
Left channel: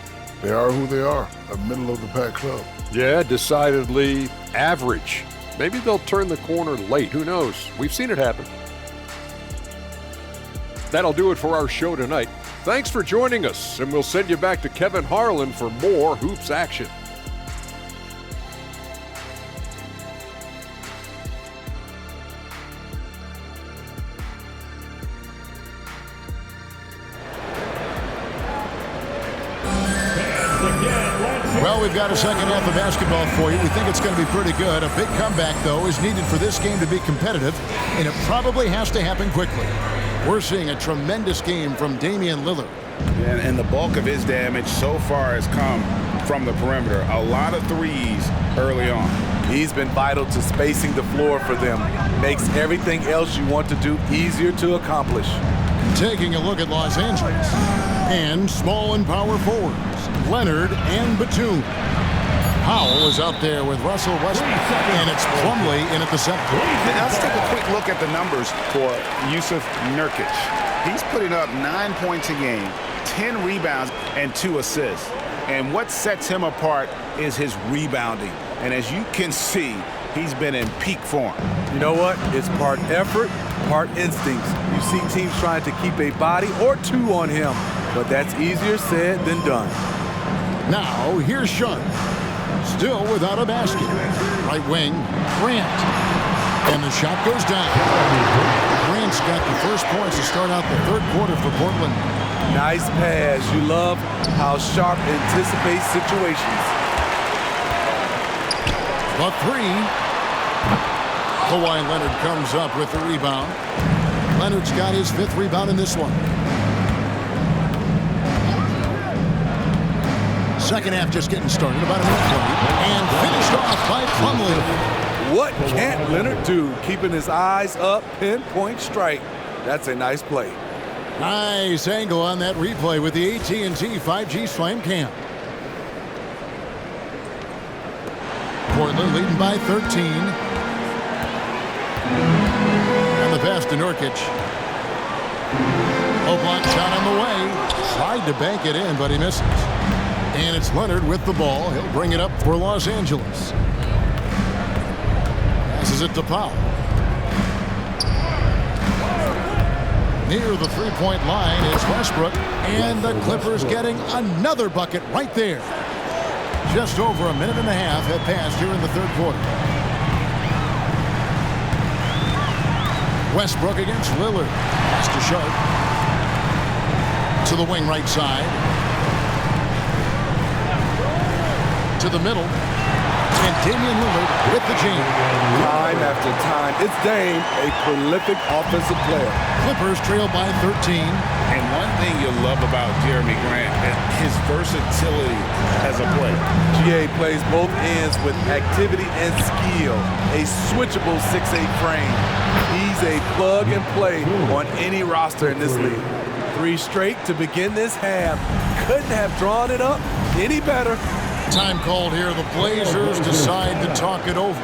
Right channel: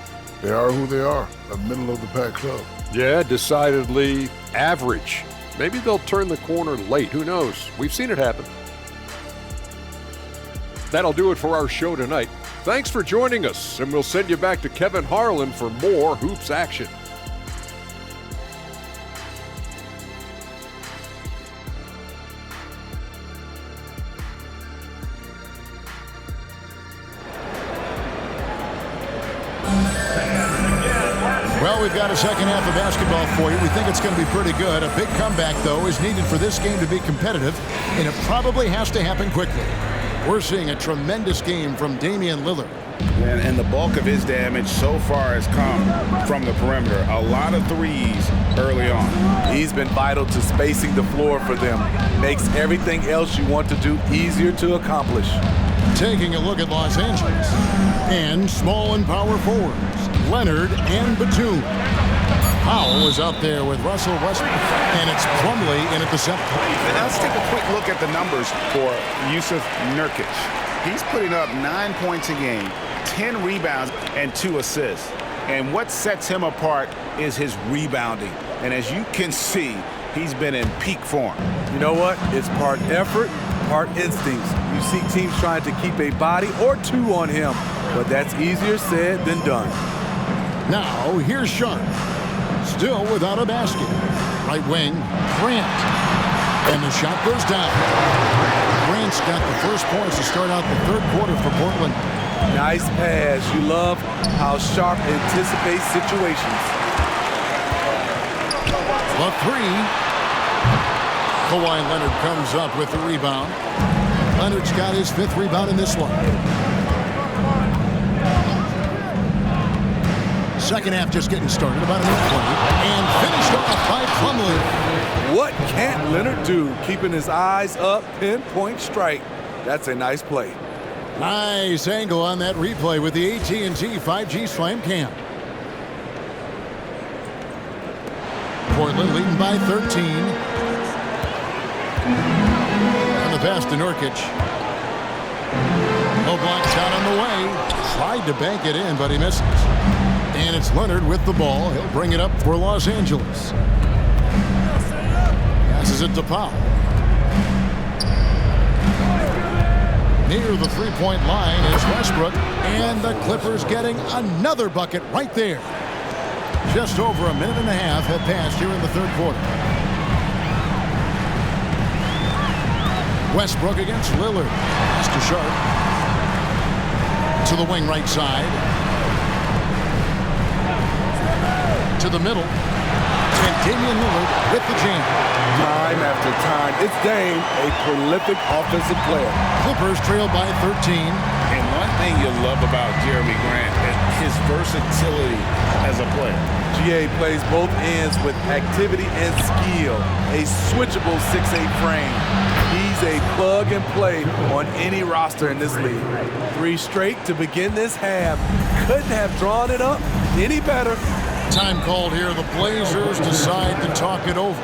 they are who they are, a middle-of-the-pack club. Yeah, decidedly average. Maybe they'll turn the corner late. Who knows? We've seen it happen. That'll do it for our show tonight. Thanks for joining us, and we'll send you back to Kevin Harlan for more hoops action. Well, we've got a second half of basketball for you. We think it's going to be pretty good. A big comeback, though, is needed for this game to be competitive, and it probably has to happen quickly. We're seeing a tremendous game from Damian Lillard. And the bulk of his damage so far has come from the perimeter. A lot of threes early on. He's been vital to spacing the floor for them. Makes everything else you want to do easier to accomplish. Taking a look at Los Angeles. And small and power forwards, Leonard and Batum. Powell is out there with Russell Westbrook, and it's Plumlee in at the center. Now let's take a quick look at the numbers for Yusuf Nurkic. He's putting up 9 points a game, 10 rebounds, and 2 assists. And what sets him apart is his rebounding. And as you can see, he's been in peak form. You know what? It's part effort, part instincts. You see teams trying to keep a body or two on him, but that's easier said than done. Now, here's Sharp. Still without a basket. Right wing, Grant. And the shot goes down. Grant's got the first points to start out the third quarter for Portland. Nice pass. You love how Sharp anticipates situations. The three. Kawhi Leonard comes up with the rebound. Leonard's got his 5th rebound in this one. Second half just getting started, about a minute played, and finished off by Plumlee. What can't Leonard do? Keeping his eyes up, pinpoint strike. That's a nice play. Nice angle on that replay with the AT&T 5G Slam Cam. Portland leading by 13. And the pass to Nurkic. Low block shot on the way. Tried to bank it in, but he misses. And it's Leonard with the ball. He'll bring it up for Los Angeles. Passes it to Powell. Near the three-point line is Westbrook. And the Clippers getting another bucket right there. Just over a minute and a half have passed here in the third quarter. Westbrook against Lillard. Pass to Sharp. To the wing right side. To the middle. And Damian Lillard with the jam. Time after time, it's Dame, a prolific offensive player. Clippers trail by 13. And one thing you'll love about Jeremy Grant, his versatility as a player. GA plays both ends with activity and skill. A switchable 6'8" frame. He's a plug and play on any roster in this league. 3 straight to begin this half. Couldn't have drawn it up any better. Time called here. The Blazers decide to talk it over.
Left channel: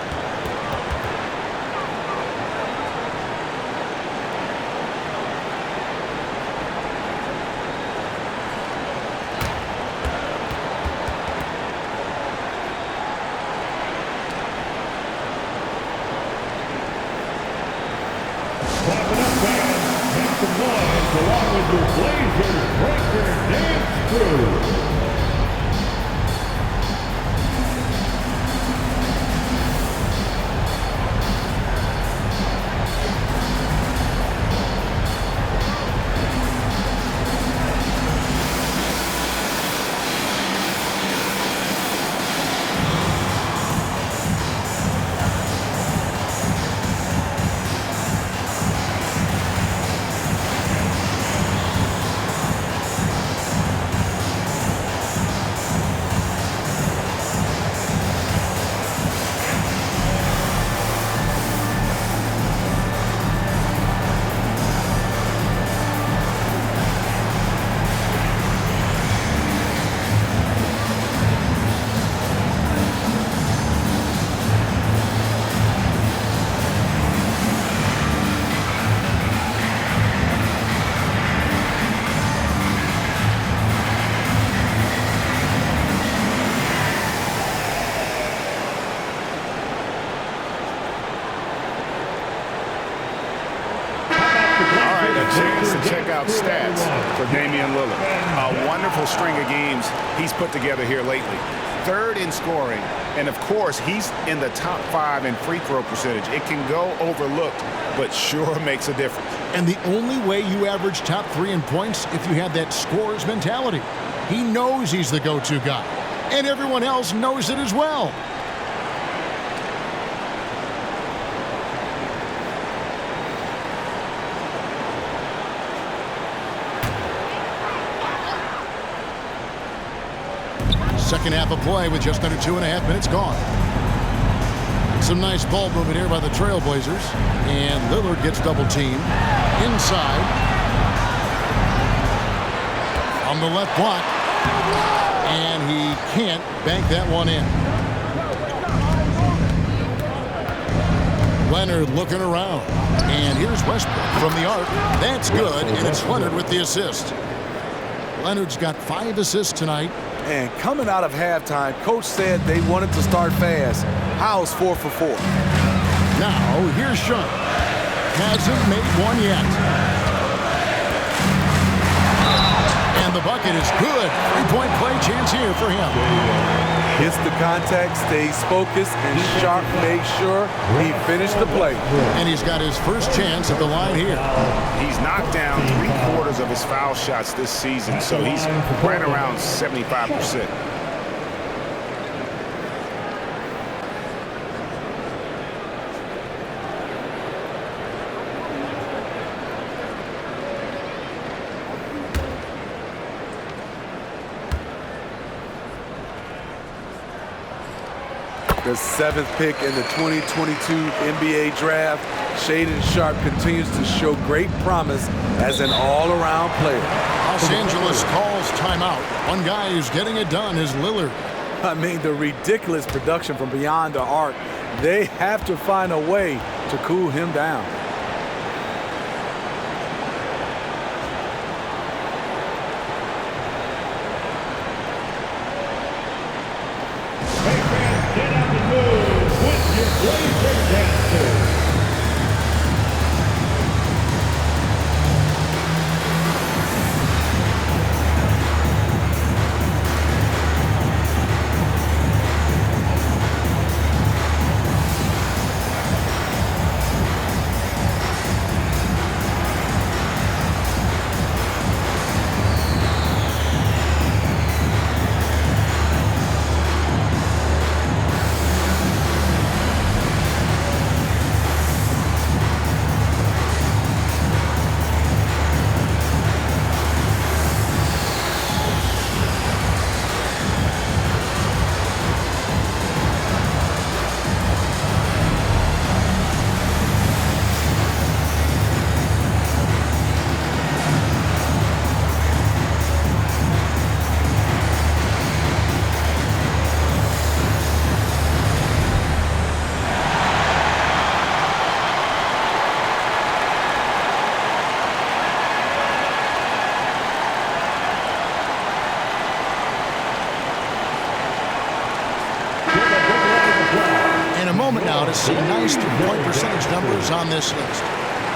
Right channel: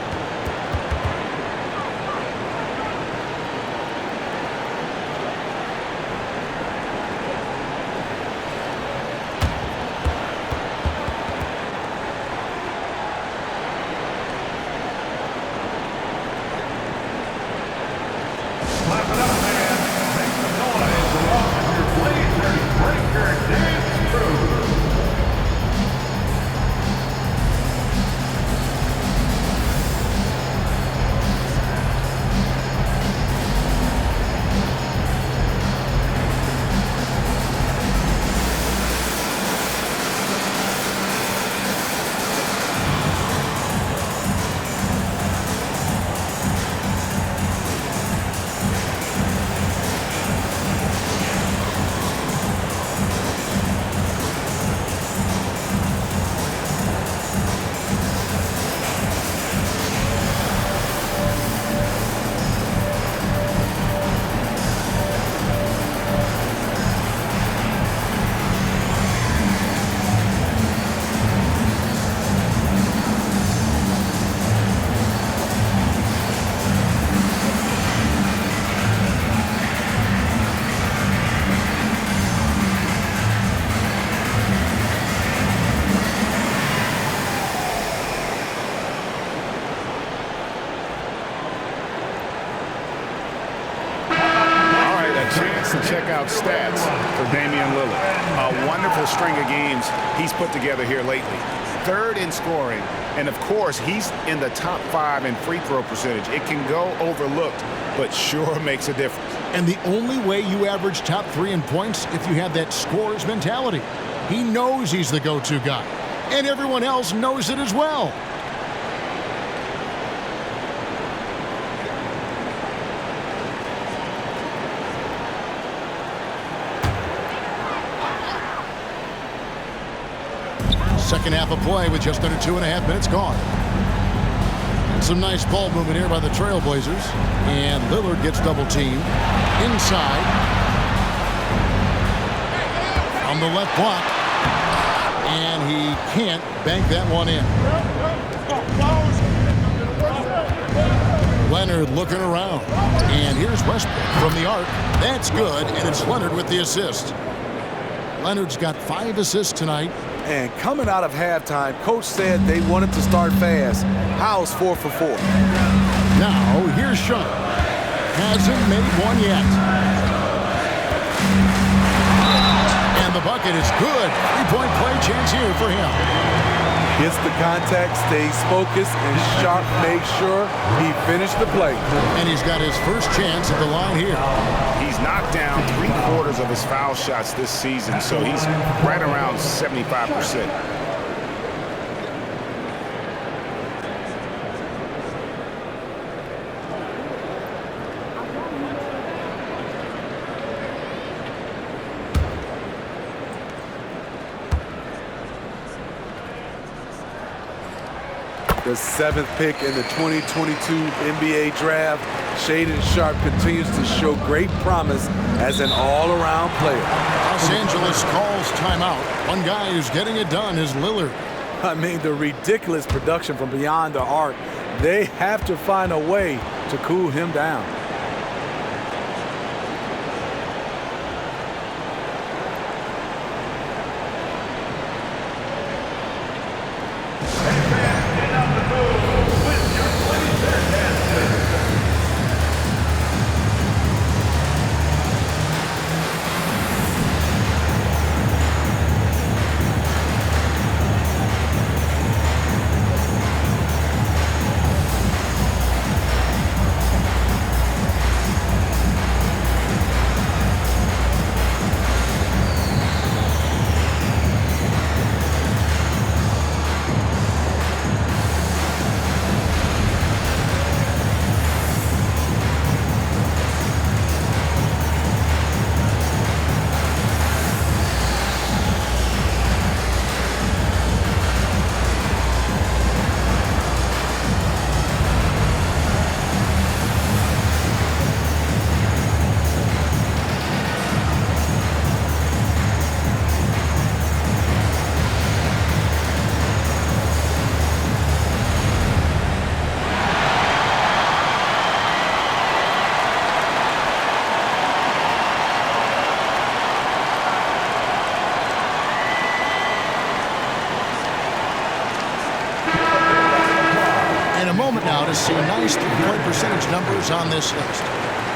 Chance to check out stats for Damian Lillard. A wonderful string of games he's put together here lately. 3rd in scoring, and of course, he's in the top 5 in free throw percentage. It can go overlooked, but sure makes a difference. And the only way you average top 3 in points if you have that scorer's mentality. He knows he's the go-to guy, and everyone else knows it as well. Second half of play with just under 2.5 minutes gone. And some nice ball movement here by the Trailblazers. And Lillard gets double teamed. Inside. On the left block. And he can't bank that one in. Leonard looking around. And here's Westbrook from the arc. That's good, and it's Leonard with the assist. Leonard's got 5 assists tonight. And coming out of halftime, coach said they wanted to start fast. How's 4 for 4? Now, here's Sharp. Hasn't made one yet. And the bucket is good. 3-point play chance here for him. Hits the contact, stays focused, and Sharp makes sure he finished the play. And he's got his first chance at the line here. He's knocked down 3/4 of his foul shots this season, so he's right around 75%. The 7th pick in the 2022 NBA draft, Shaedon Sharp continues to show great promise as an all-around player. Los Angeles calls timeout. One guy who's getting it done is Lillard. I mean, the ridiculous production from beyond the arc. They have to find a way to cool him down. In a moment now to see nice three-point percentage numbers on this list.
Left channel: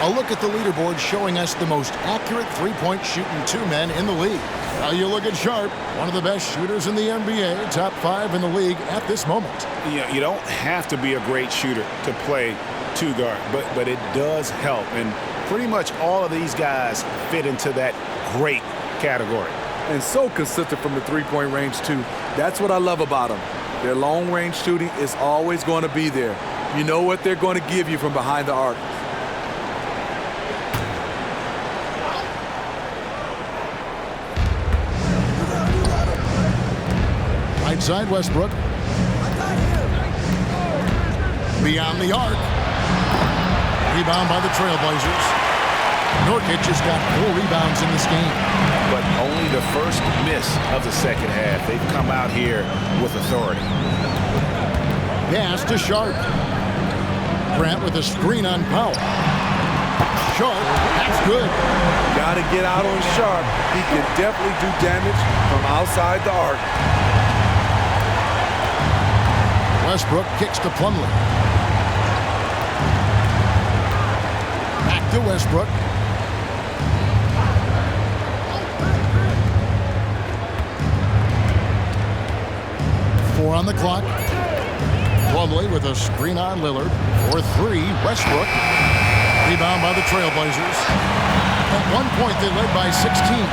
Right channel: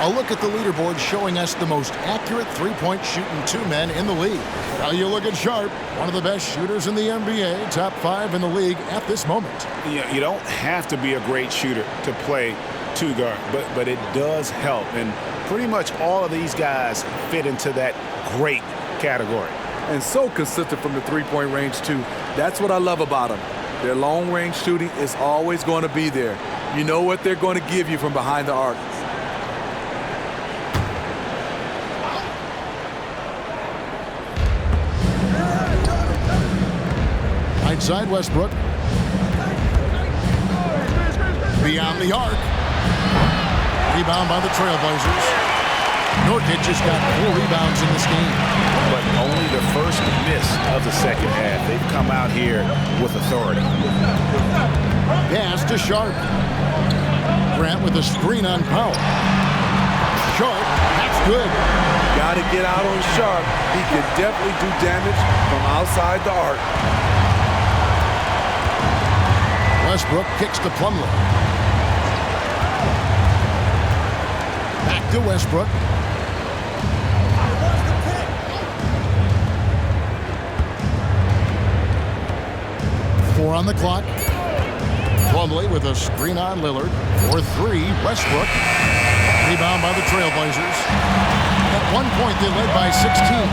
A look at the leaderboard showing us the most accurate three-point shooting 2 men in the league. Now you look at Sharp, one of the best shooters in the NBA, top 5 in the league at this moment. You don't have to be a great shooter to play 2 guard, but it does help. And pretty much all of these guys fit into that great category. And so consistent from the three-point range, too. That's what I love about them. Their long-range shooting is always going to be there. You know what they're going to give you from behind the arc. Right side, Westbrook. Beyond the arc. Rebound by the Trailblazers. Nurkic has got 4 rebounds in this game. But only the first miss of the second half. They've come out here with authority. Pass to Sharp. Grant with a screen on Powell. Sharp, that's good. Got to get out on Sharp. He can definitely do damage from outside the arc. Westbrook kicks to Plumlee. Back to Westbrook. Four on the clock. Plumlee with a screen on Lillard. For 3, Westbrook. Rebound by the Trailblazers. At one point, they led by 16.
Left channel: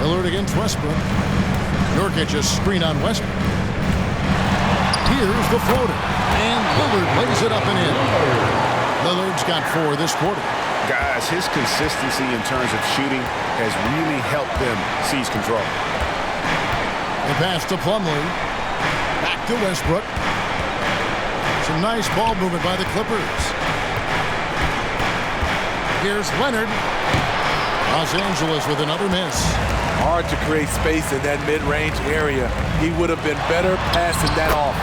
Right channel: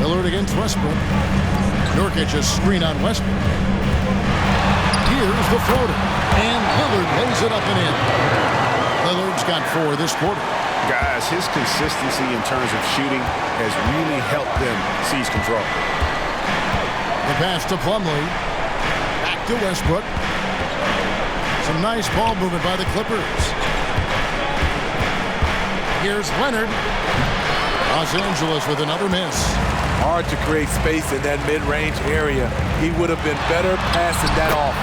Lillard against Westbrook. Nurkic a screen on Westbrook. Here's the floater. And Lillard lays it up and in. Lillard's got 4 this quarter. Guys, his consistency in terms of shooting has really helped them seize control. The pass to Plumlee. Back to Westbrook. Some nice ball movement by the Clippers. Here's Leonard. Los Angeles with another miss. Hard to create space in that mid-range area. He would have been better passing that off.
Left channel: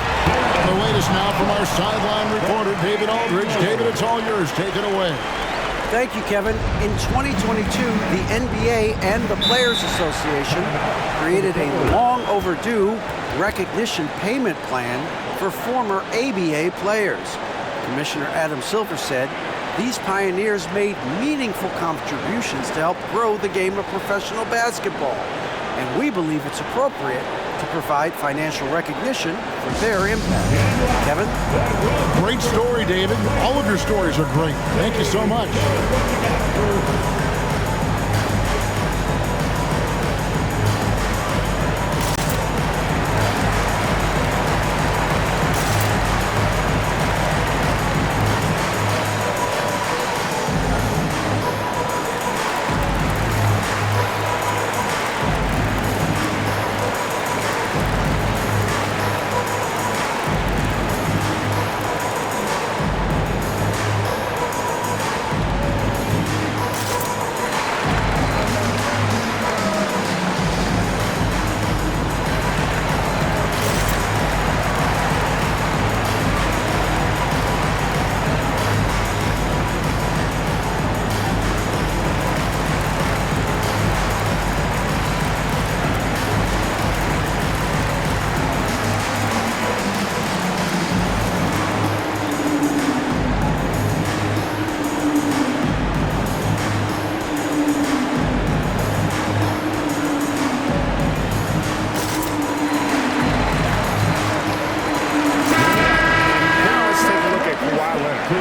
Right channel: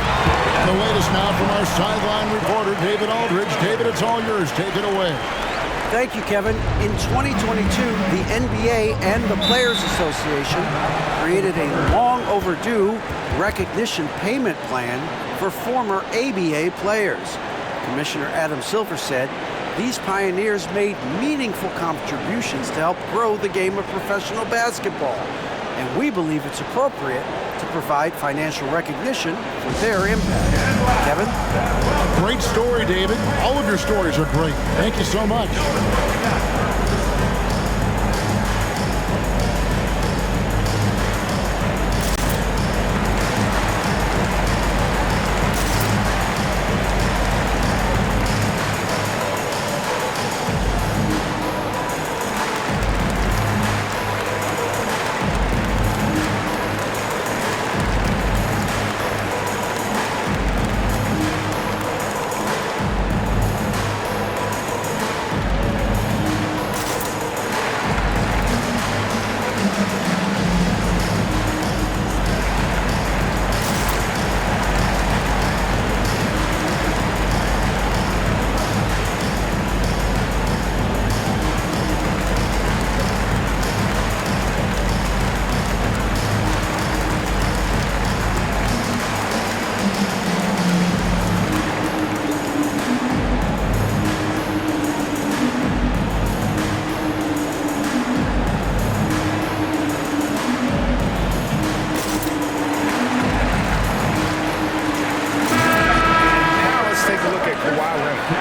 The latest now from our sideline reporter, David Aldridge. David, it's all yours. Take it away. Thank you, Kevin. In 2022, the NBA and the Players Association created a long overdue recognition payment plan for former ABA players. Commissioner Adam Silver said these pioneers made meaningful contributions to help grow the game of professional basketball, and we believe it's appropriate to provide financial recognition for their impact. Kevin? Great story, David. All of your stories are great. Thank you so much.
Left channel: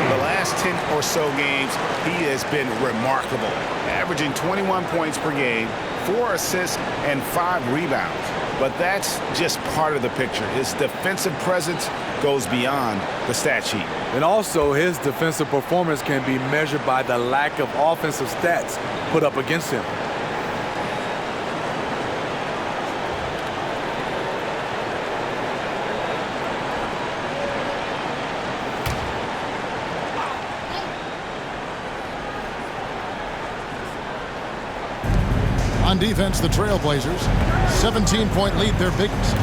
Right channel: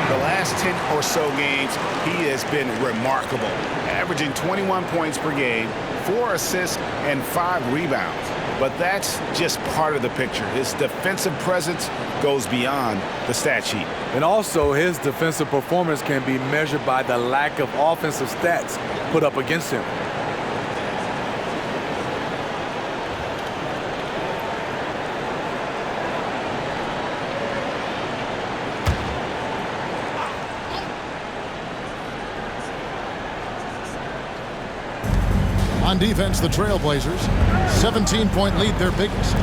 The last 10 or so games, he has been remarkable, averaging 21 points per game, 4 assists, and 5 rebounds. But that's just part of the picture. His defensive presence goes beyond the stat sheet. And also, his defensive performance can be measured by the lack of offensive stats put up against him. On defense, the Trailblazers, 17-point lead, their biggest.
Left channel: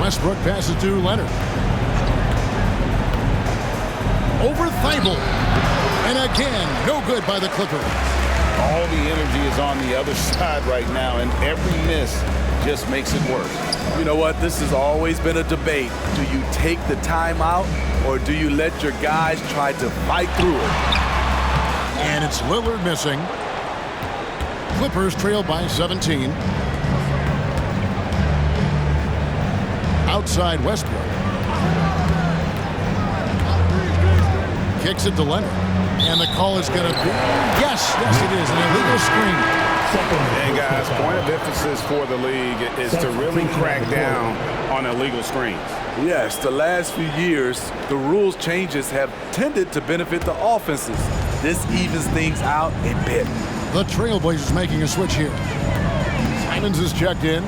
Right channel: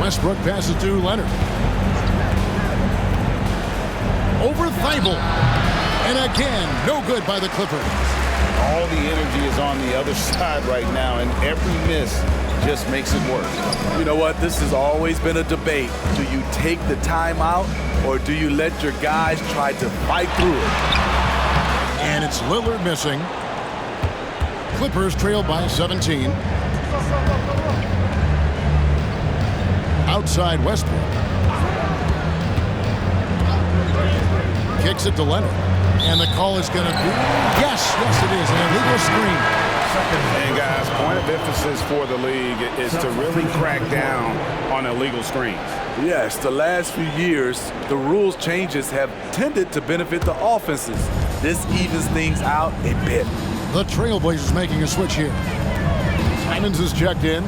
Westbrook passes to Leonard. Over Thibault. And again, no good by the Clippers. All the energy is on the other side right now, and every miss just makes it worse. You know what? This has always been a debate. Do you take the timeout, or do you let your guys try to fight through it? And it's Lillard missing. Clippers trail by 17. Outside Westbrook. Kicks it to Leonard. And the call is going to be, yes, it is, an illegal screen. And guys, point of emphasis for the league is to really crack down on illegal screens. Yes, the last few years, the rules changes have tended to benefit the offenses. This evens things out a bit. The Trailblazers making a switch here. Simons is checked in,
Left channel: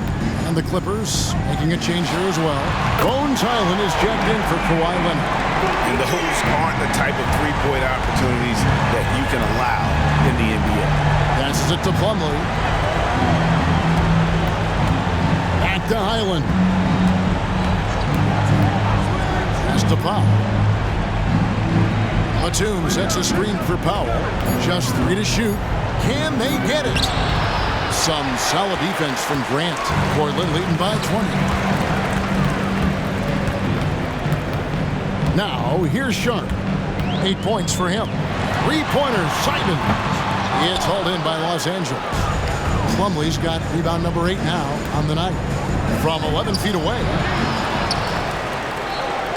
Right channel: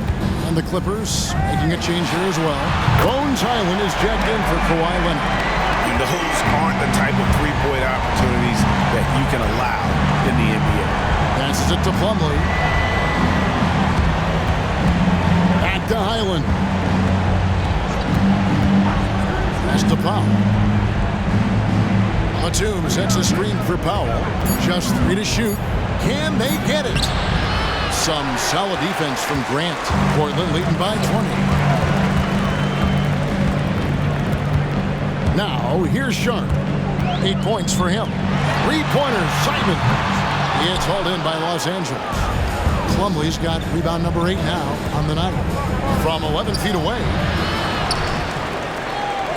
and the Clippers making a change here as well. Bones Highland is checked in for Kawhi Leonard. And those aren't the type of three-point opportunities that you can allow in the NBA. Passes it to Plumlee. Back to Highland. Pass to Powell. Batum sets a screen for Powell. Just 3 to shoot. Can they get it? Some solid defense from Grant. Portland leading by 20. Now, here's Sharp. 8 points for him. 3-pointers, Simons. It's hauled in by Los Angeles. Plumlee's got rebound number 8 now on the night. From 11 feet away.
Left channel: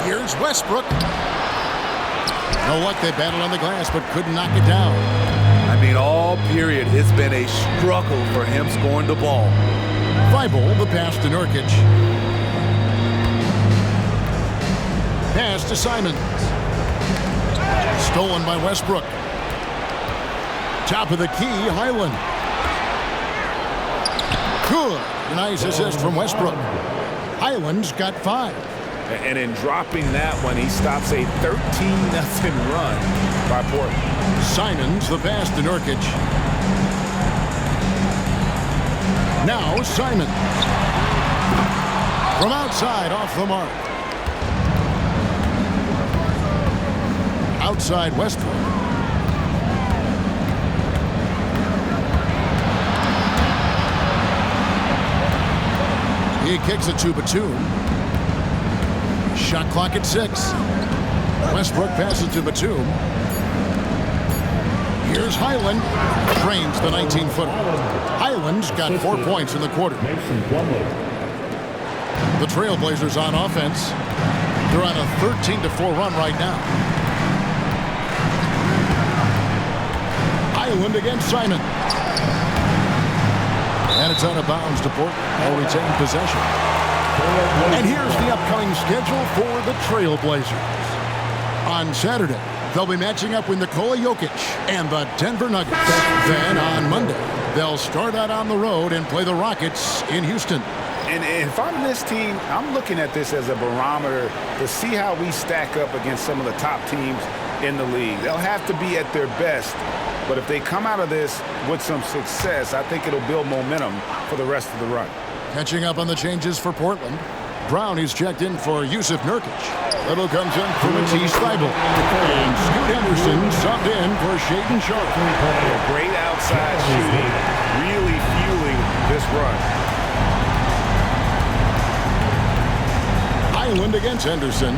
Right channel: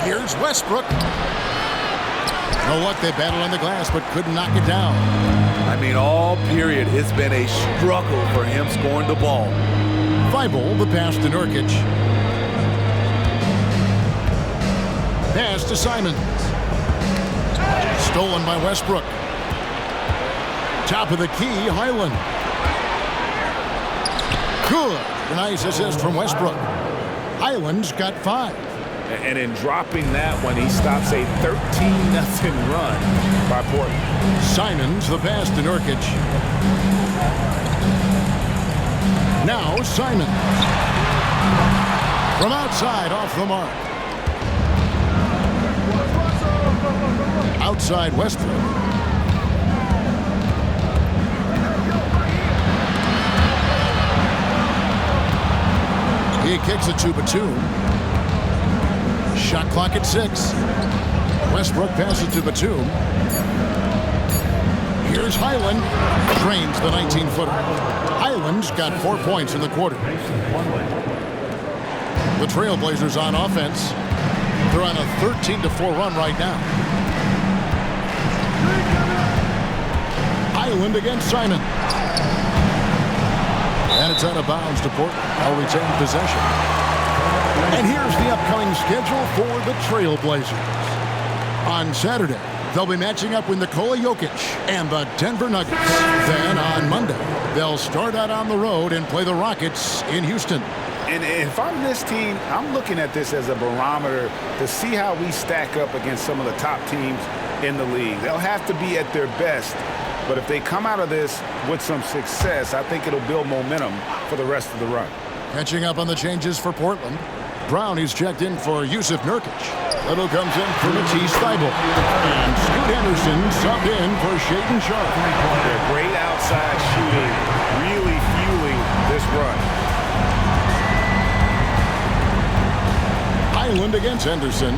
Here's Westbrook. No luck, they battled on the glass, but couldn't knock it down. I mean, all period, it's been a struggle for him scoring the ball. Thibault, the pass to Nurkic. Pass to Simons. Stolen by Westbrook. Top of the key, Highland. Good. Nice assist from Westbrook. Highland's got 5. And in dropping that one, he stops a 13-0 run by Portland. Simons the pass to Nurkic. Now Simons. From outside, off the mark. Outside Westbrook. He kicks it to Batum. Shot clock at 6. Westbrook passes to Batum. Here's Highland. Drains the 19-footer. Highland's got 4 points in the quarter. The Trailblazers on offense. They're on a 13-4 run right now. Highland against Simon. And it's out of bounds to Portland. They'll retain possession. And here's the upcoming schedule for the Trailblazers. On Saturday, they'll be matching up with Nikola Jokic and the Denver Nuggets. Then on Monday, they'll start out on the road and play the Rockets in Houston. And if I'm this team, I'm looking at this as a barometer to see how we stack up against some of the top teams in the league. They'll have to be at their best. But if they come out of this with some success, I think it'll build momentum for the rest of the run. Catching up on the changes for Portland. Brownie's checked in for Yusuf Nurkic. Little comes in for Matisse Thybulle. And Scoot Henderson subbed in for Shaedon Sharpe. Yeah, great outside shooting, really fueling this run. Highland against Henderson.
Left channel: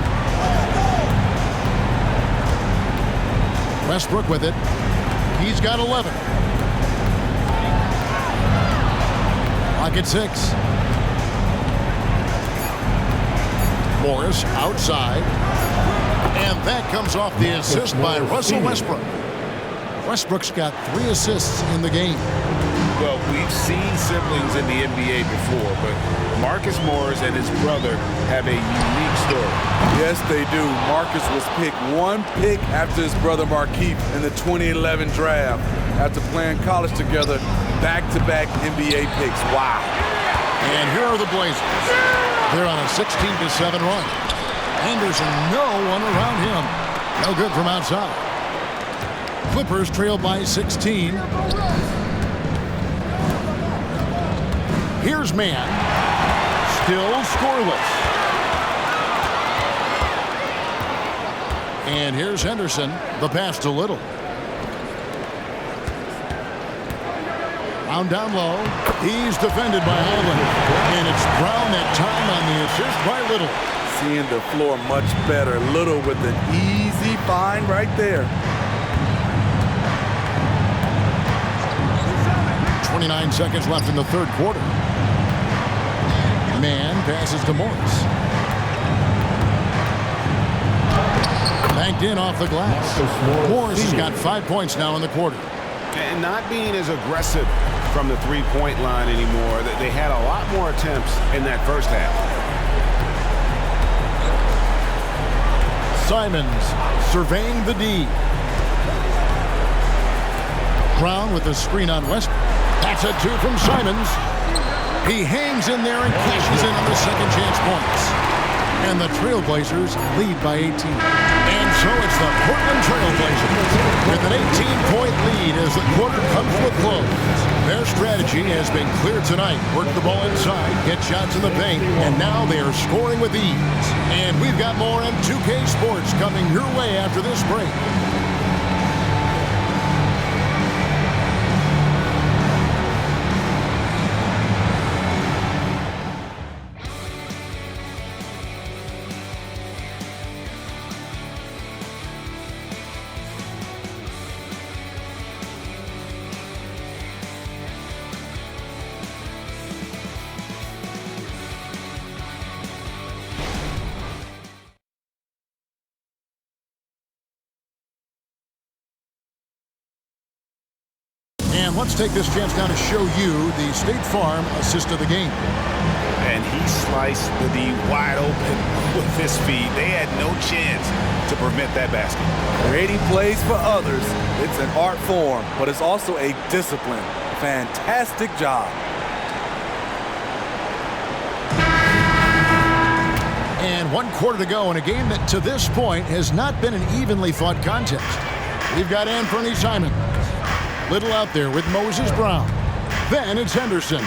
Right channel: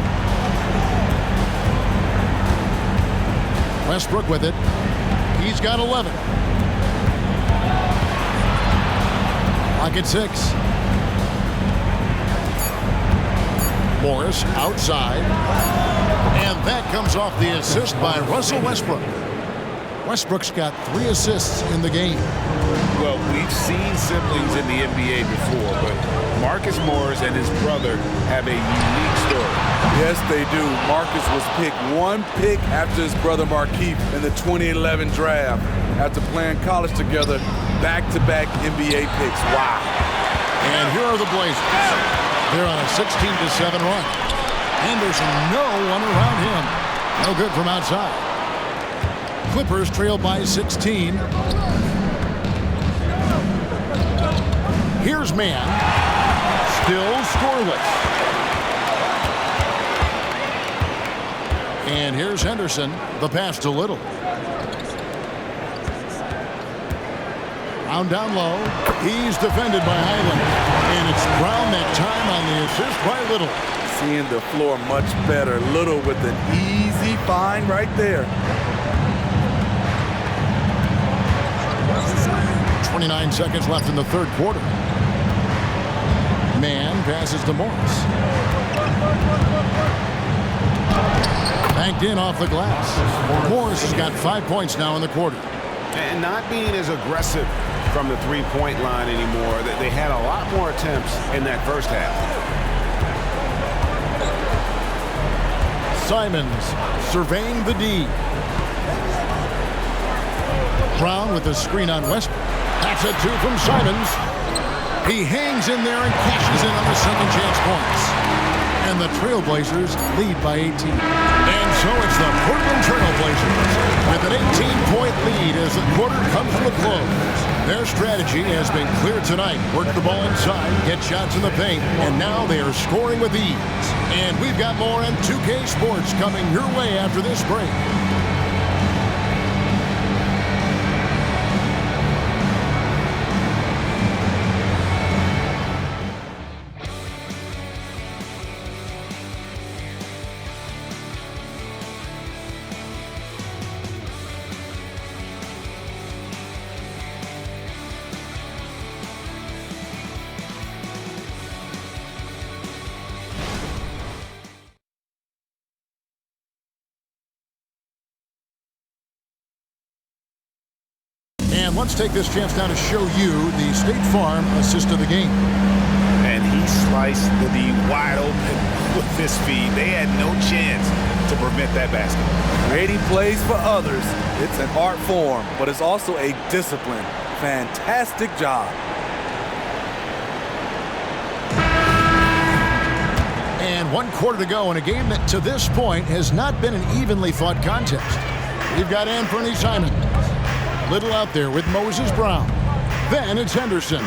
Westbrook with it. He's got 11. Clock at 6. Morris outside. And that comes off the assist by Russell Westbrook. Westbrook's got 3 assists in the game. Well, we've seen siblings in the NBA before, but Marcus Morris and his brother have a unique story. Yes, they do. Marcus was picked 1 pick after his brother Markieff in the 2011 draft. After playing college together, back-to-back NBA picks. Wow. And here are the Blazers. They're on a 16-7 run. Henderson, no one around him. No good from outside. Clippers trail by 16. Here's Mann. Still scoreless. And here's Henderson. The pass to Little. Brown down low. He's defended by Highland. And it's Brown that time on the assist by Little. Seeing the floor much better. Little with an easy find right there. 29 seconds left in the third quarter. Mann passes to Morris. Banked in off the glass. Morris has got 5 points now in the quarter. And not being as aggressive from the three-point line anymore. They had a lot more attempts in that first half. Simons surveying the D. Brown with the screen on Westbrook. That's a 2 from Simons. He hangs in there and cashes in on the second chance points. And the Trailblazers lead by 18. And so it's the Portland Trailblazers with an 18-point lead as the quarter comes to a close. Their strategy has been clear tonight. Work the ball inside, get shots in the paint, and now they are scoring with ease. And we've got more M2K Sports coming your way after this break. And let's take this chance now to show you the State Farm assist of the game. And he sliced the D wide open with his feet. They had no chance to prevent that basket. Creating plays for others, it's an art form, but it's also a discipline. Fantastic job. And 1 quarter to go in a game that to this point has not been an evenly fought contest. We've got Anthony Simons. Little out there with Moses Brown. Then it's Henderson.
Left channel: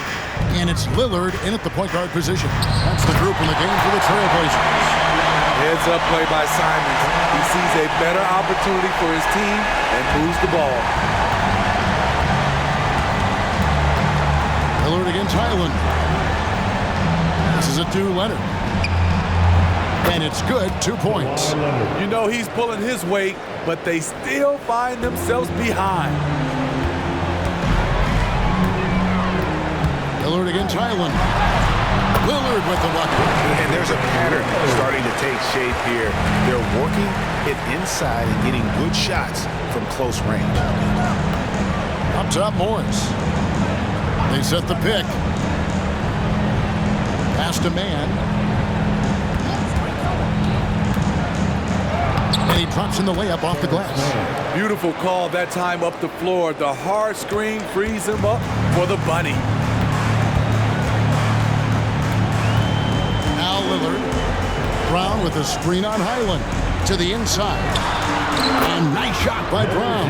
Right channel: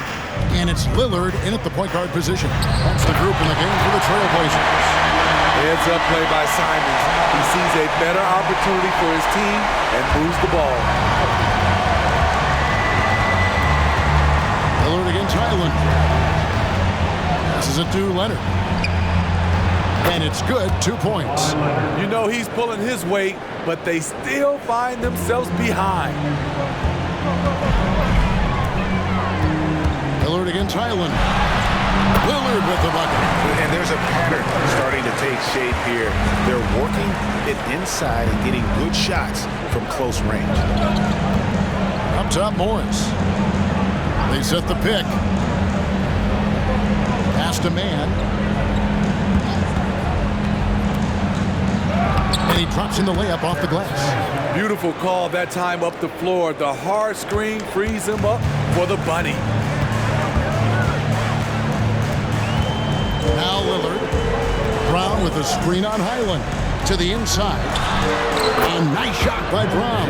And it's Lillard in at the point guard position. That's the group in the game for the Trailblazers. Heads up play by Simons. He sees a better opportunity for his team and moves the ball. Lillard against Highland. This is it to Leonard. And it's good, 2 points. You know he's pulling his weight, but they still find themselves behind. Lillard against Highland. Lillard with the bucket. And there's a pattern starting to take shape here. They're working it inside and getting good shots from close range. Up top, Morris. They set the pick. Pass to man. And he drops in the layup off the glass. Beautiful call that time up the floor. The hard screen frees him up for the bunny. Now Lillard. Brown with a screen on Highland. To the inside. And nice shot by Brown.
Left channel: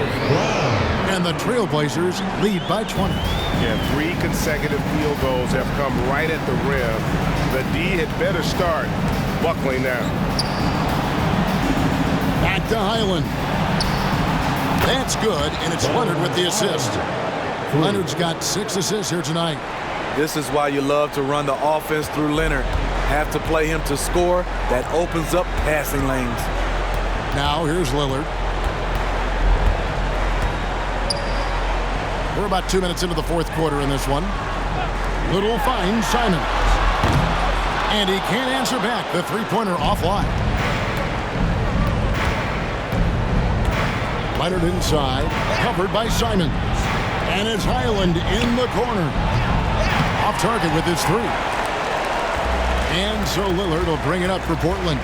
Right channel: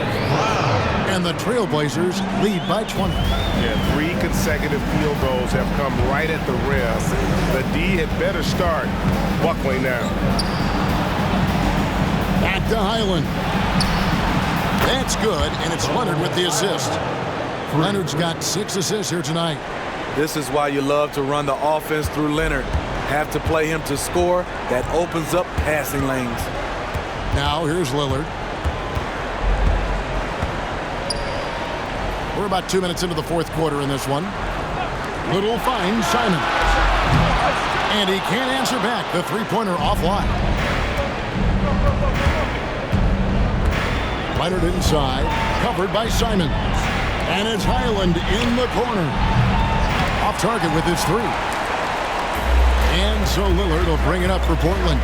And the Trailblazers lead by 20. Yeah, 3 consecutive field goals have come right at the rim. The D had better start buckling down. Back to Highland. That's good, and it's Leonard with the assist. Leonard's got 6 assists here tonight. This is why you love to run the offense through Leonard. Have to play him to score. That opens up passing lanes. Now here's Lillard. We're about 2 minutes into the 4th quarter in this one. Little finds Simons. And he can't answer back. The three-pointer offline. Leonard inside, covered by Simons. And it's Highland in the corner. Off target with his 3. And so Lillard will bring it up for Portland.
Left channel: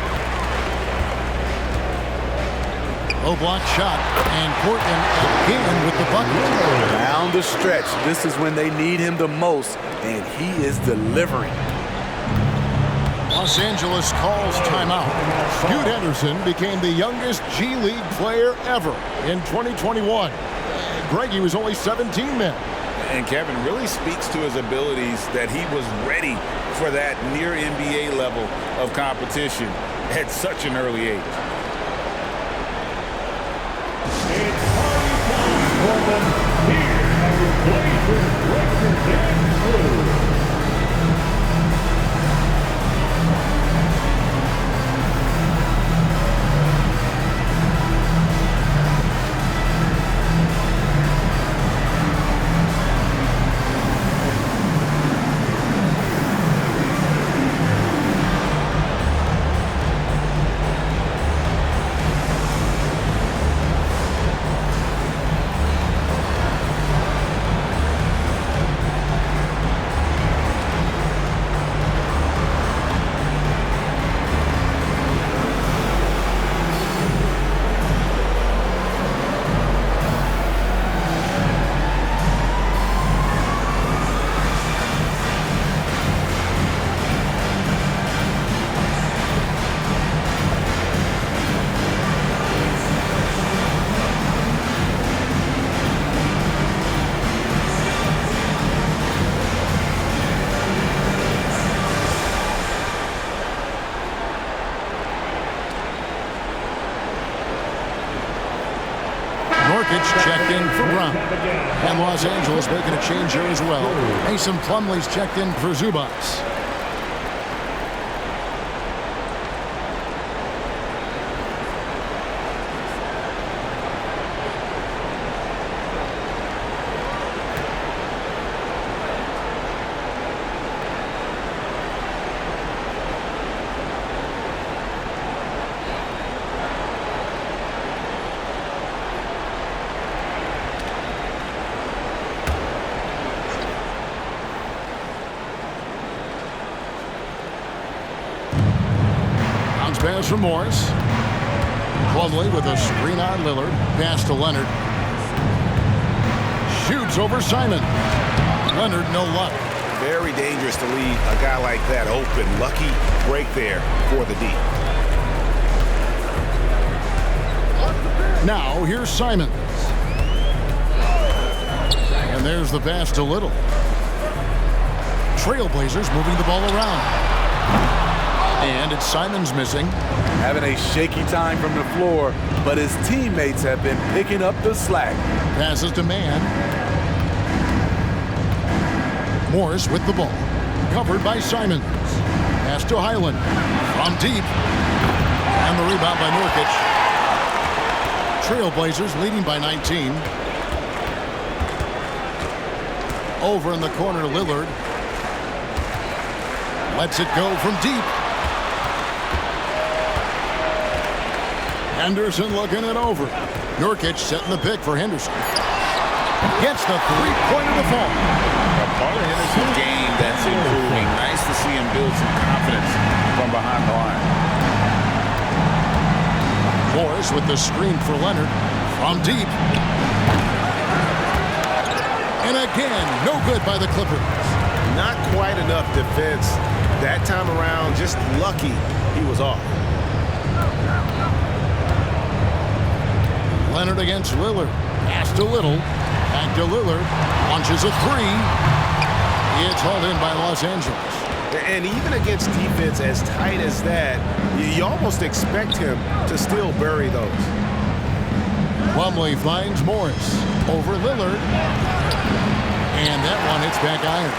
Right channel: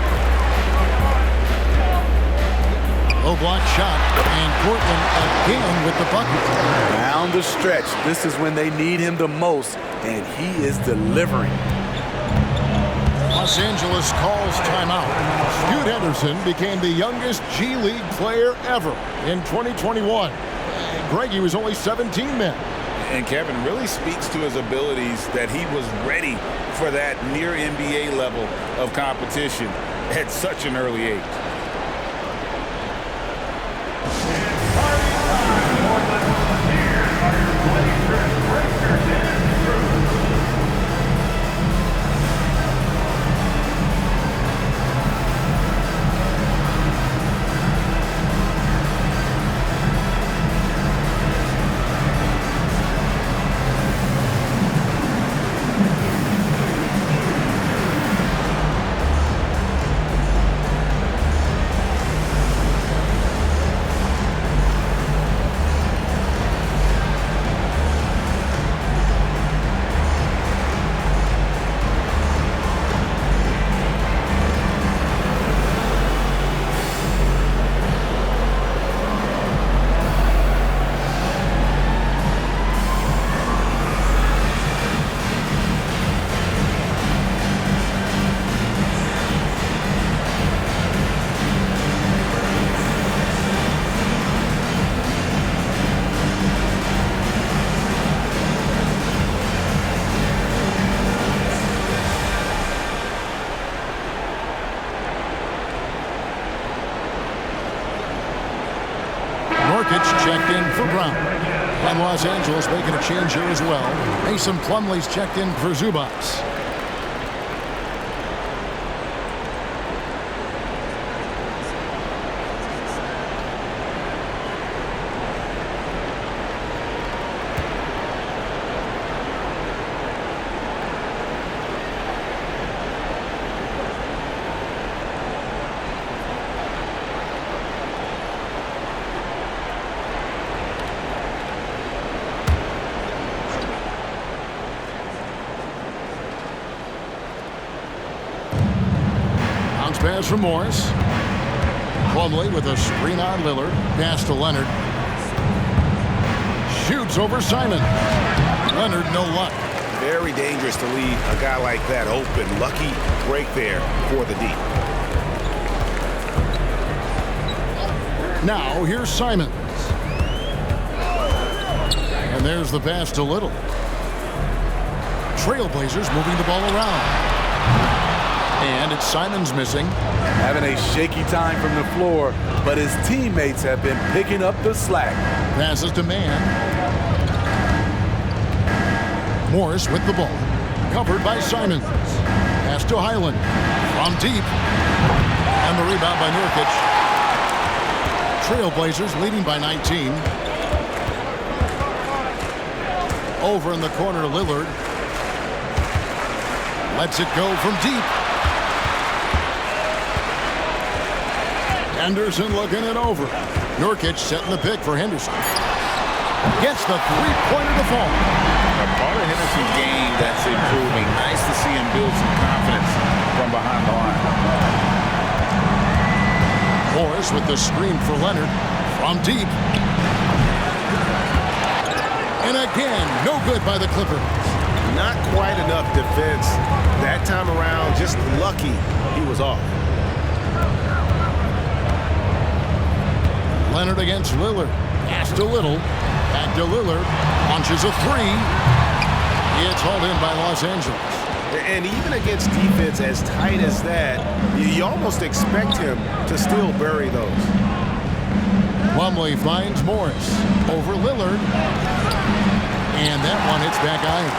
Low block shot, and Portland again with the bucket. Down the stretch, this is when they need him the most, and he is delivering. Los Angeles calls timeout. Scoot Henderson became the youngest G League player ever in 2021. Greg, he was only 17 then. And Kevin really speaks to his abilities that he was ready for that near NBA level of competition at such an early age. Norkic checked in for Brown. And Los Angeles making a change here as well. Mason Plumlee's checked in for Zubats. Pass from Morris. Plumlee with a screen on Lillard. Pass to Leonard. Shoots over Simon. Leonard, no luck. Very dangerous to leave a guy like that open. Lucky break there for the D. Now here's Simons. And there's the pass to Little. Trailblazers moving the ball around. And it's Simons missing. Having a shaky time from the floor, but his teammates have been picking up the slack. Passes to Mann. Morris with the ball. Covered by Simons. Pass to Highland. From deep. And the rebound by Nurkic. Trailblazers leading by 19. Over in the corner, Lillard. Lets it go from deep. Henderson looking it over. Nurkic setting the pick for Henderson. Gets the three-pointer to fall. A part of Henderson's game that's improving. Nice to see him build some confidence from behind the line. Morris with the screen for Leonard. From deep. And again, no good by the Clippers. Not quite enough defense that time around. Just lucky he was off. Leonard against Lillard. Pass to Little. Back to Lillard. Launches a three. It's hauled in by Los Angeles. And even against defense as tight as that, you almost expect him to still bury those. Plumlee finds Morris. Over Lillard. And that one hits back iron.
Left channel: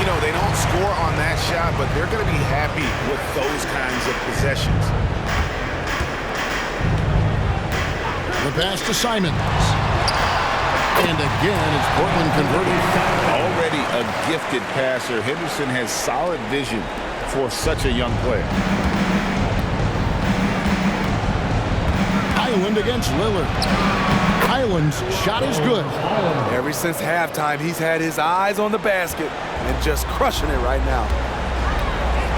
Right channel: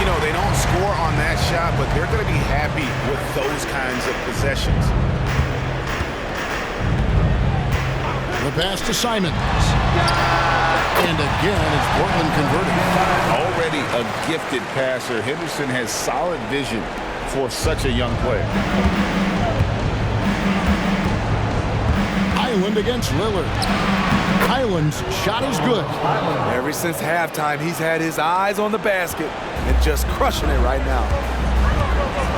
You know, they don't score on that shot, but they're going to be happy with those kinds of possessions. The pass to Simons. And again, it's Portland converting. Already a gifted passer, Henderson has solid vision for such a young player. Highland against Lillard. Highland's shot is good. Ever since halftime, he's had his eyes on the basket and just crushing it right now.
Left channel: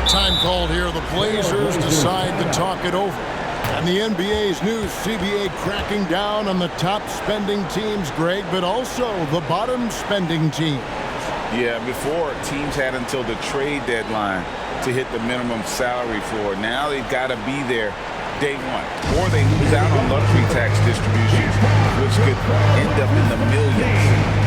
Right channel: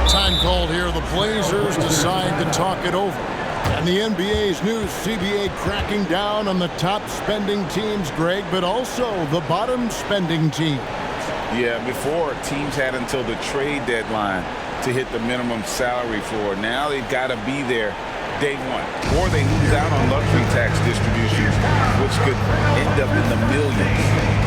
Time called here. The Blazers decide to talk it over. And the NBA's new CBA cracking down on the top spending teams, Greg, but also the bottom spending teams. Yeah, before teams had until the trade deadline to hit the minimum salary floor. Now they've got to be there day one, or they lose out on luxury tax distributions, which could end up in the millions.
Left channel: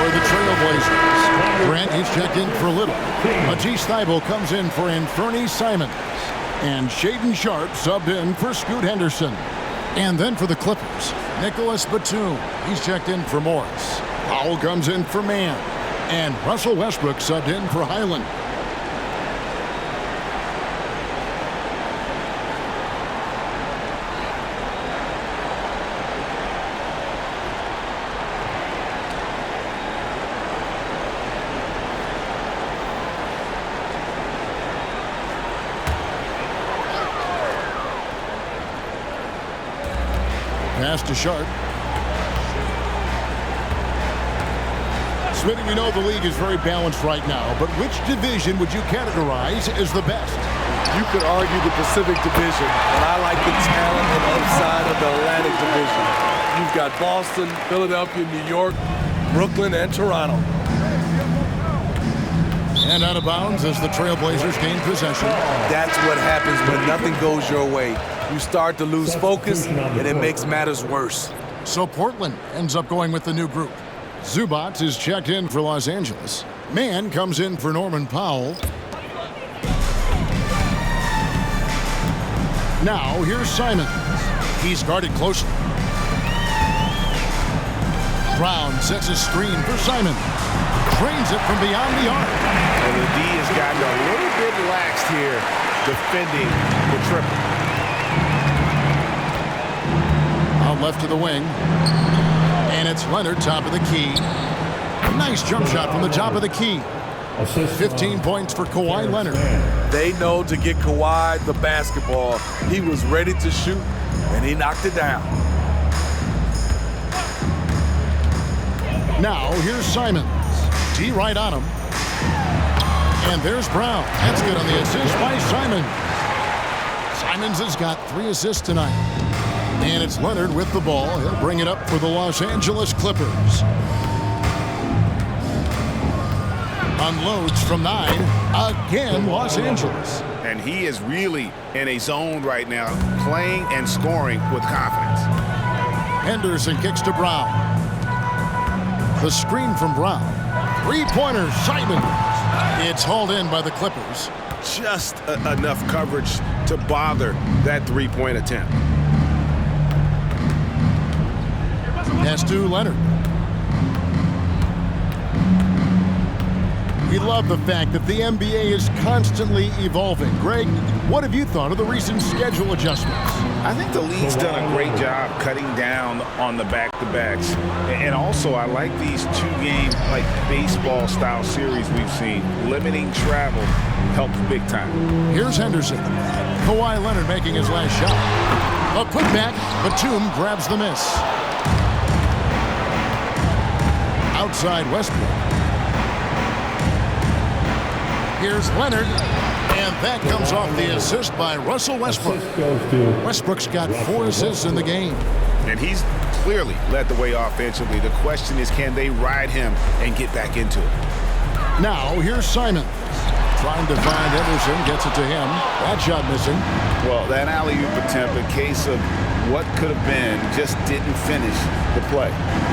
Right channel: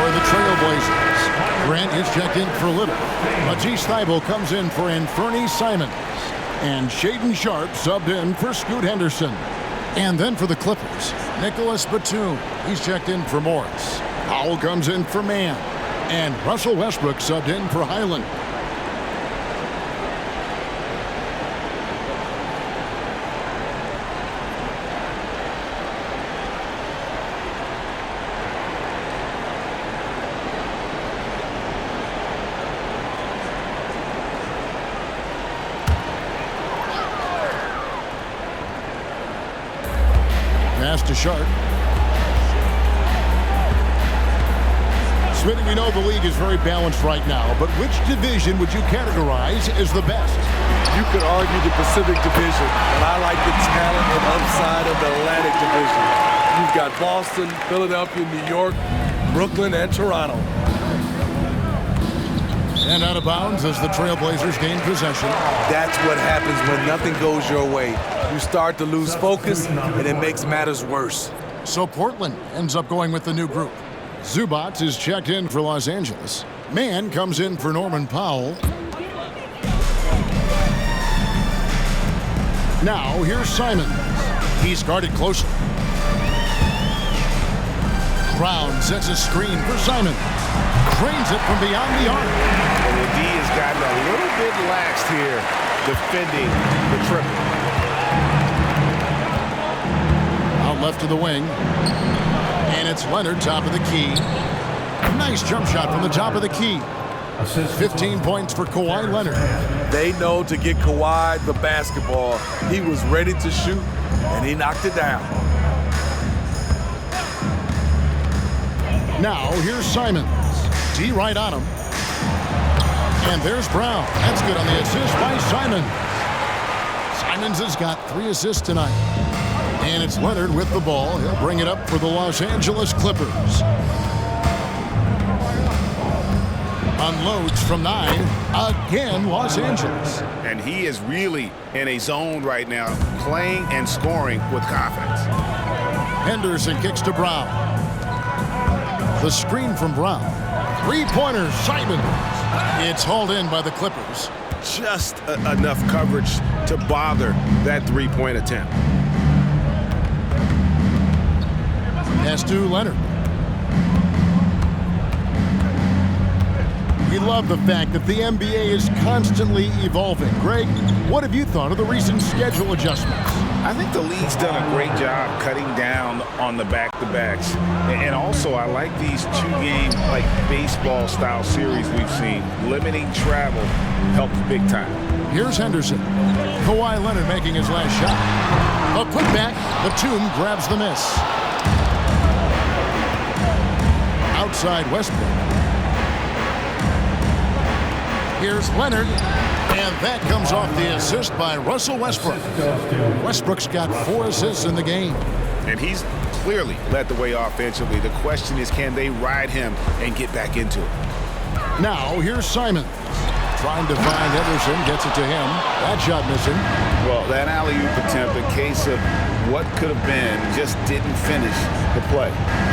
For the Trailblazers, Grant is checked in for Little. Matisse Thybulle comes in for Anthony Simons. And Shaedon Sharpe subbed in for Scoot Henderson. And then for the Clippers, Nicholas Batum. He's checked in for Morris. Powell comes in for Mann. And Russell Westbrook subbed in for Highland. Pass to Sharpe. Smitty, we know the league is very balanced right now, but which division would you categorize as the best? You could argue the Pacific Division, but I like the talent and upside of the Atlantic Division. You've got Boston, Philadelphia, New York, Brooklyn and Toronto. And out of bounds as the Trailblazers gain possession. That's what happens when nothing goes your way. You start to lose focus, and it makes matters worse. So Portland ends up going with the new group. Zubac is checked in for Los Angeles. Mann comes in for Norman Powell. Now here's Simons. He's guarded closely. Brown sets a screen for Simons. Drains it from beyond the arc. And the D has gotten a little bit laxed here defending the triple. Out left to the wing. And it's Leonard, top of the key. Nice jump shot from the top of the key. 15 points for Kawhi Leonard. They know to get Kawhi the basketball. He was ready to shoot, and he knocked it down. Now here's Simons. D right on him. And there's Brown. That's good on the assist by Simons. Simons has got 3 assists tonight. And it's Leonard with the ball. He'll bring it up for the Los Angeles Clippers. Unloads from 9. Again, Los Angeles. And he is really in a zone right now, playing and scoring with confidence. Henderson kicks to Brown. The screen from Brown. 3-pointer, Simons. It's hauled in by the Clippers. Just enough coverage to bother that 3-point attempt. Pass to Leonard. We love the fact that the NBA is constantly evolving. Greg, what have you thought of the recent schedule adjustments? I think the league's done a great job cutting down on the back-to-backs. And also, I like these 2-game, like baseball-style series we've seen. Limiting travel helps big time. Here's Henderson. Kawhi Leonard making his last shot. A putback. Batum grabs the miss. Outside Westbrook. Here's Leonard, and that comes off the assist by Russell Westbrook. Westbrook's got 4 assists in the game. And he's clearly led the way offensively. The question is, can they ride him and get back into it? Now, here's Simons. Trying to find Henderson, gets it to him. That shot missing. Well, that alley-oop attempt, a case of what could have been, just didn't finish the play.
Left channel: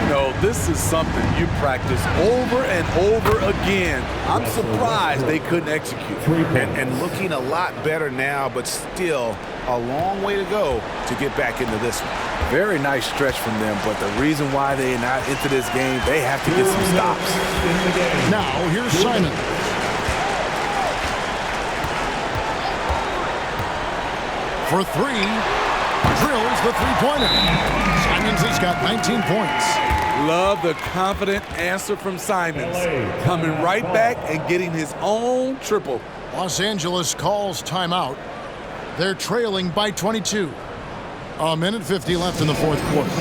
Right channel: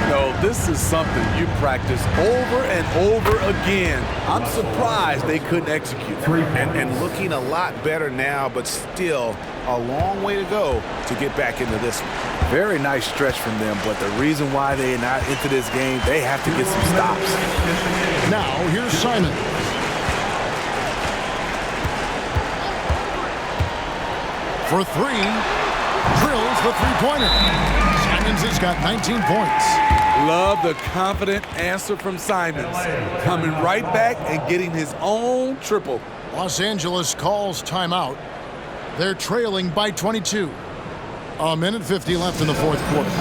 No, this is something you practice over and over again. I'm surprised they couldn't execute. And looking a lot better now, but still a long way to go to get back into this one. Very nice stretch from them, but the reason why they're not into this game, they have to get some stops. Now, here's Simons. For 3, drills the 3-pointer. Simons has got 19 points. Love the confident answer from Simons. Coming right back and getting his own triple. Los Angeles calls timeout. They're trailing by 22. 1:50 left in the 4th quarter.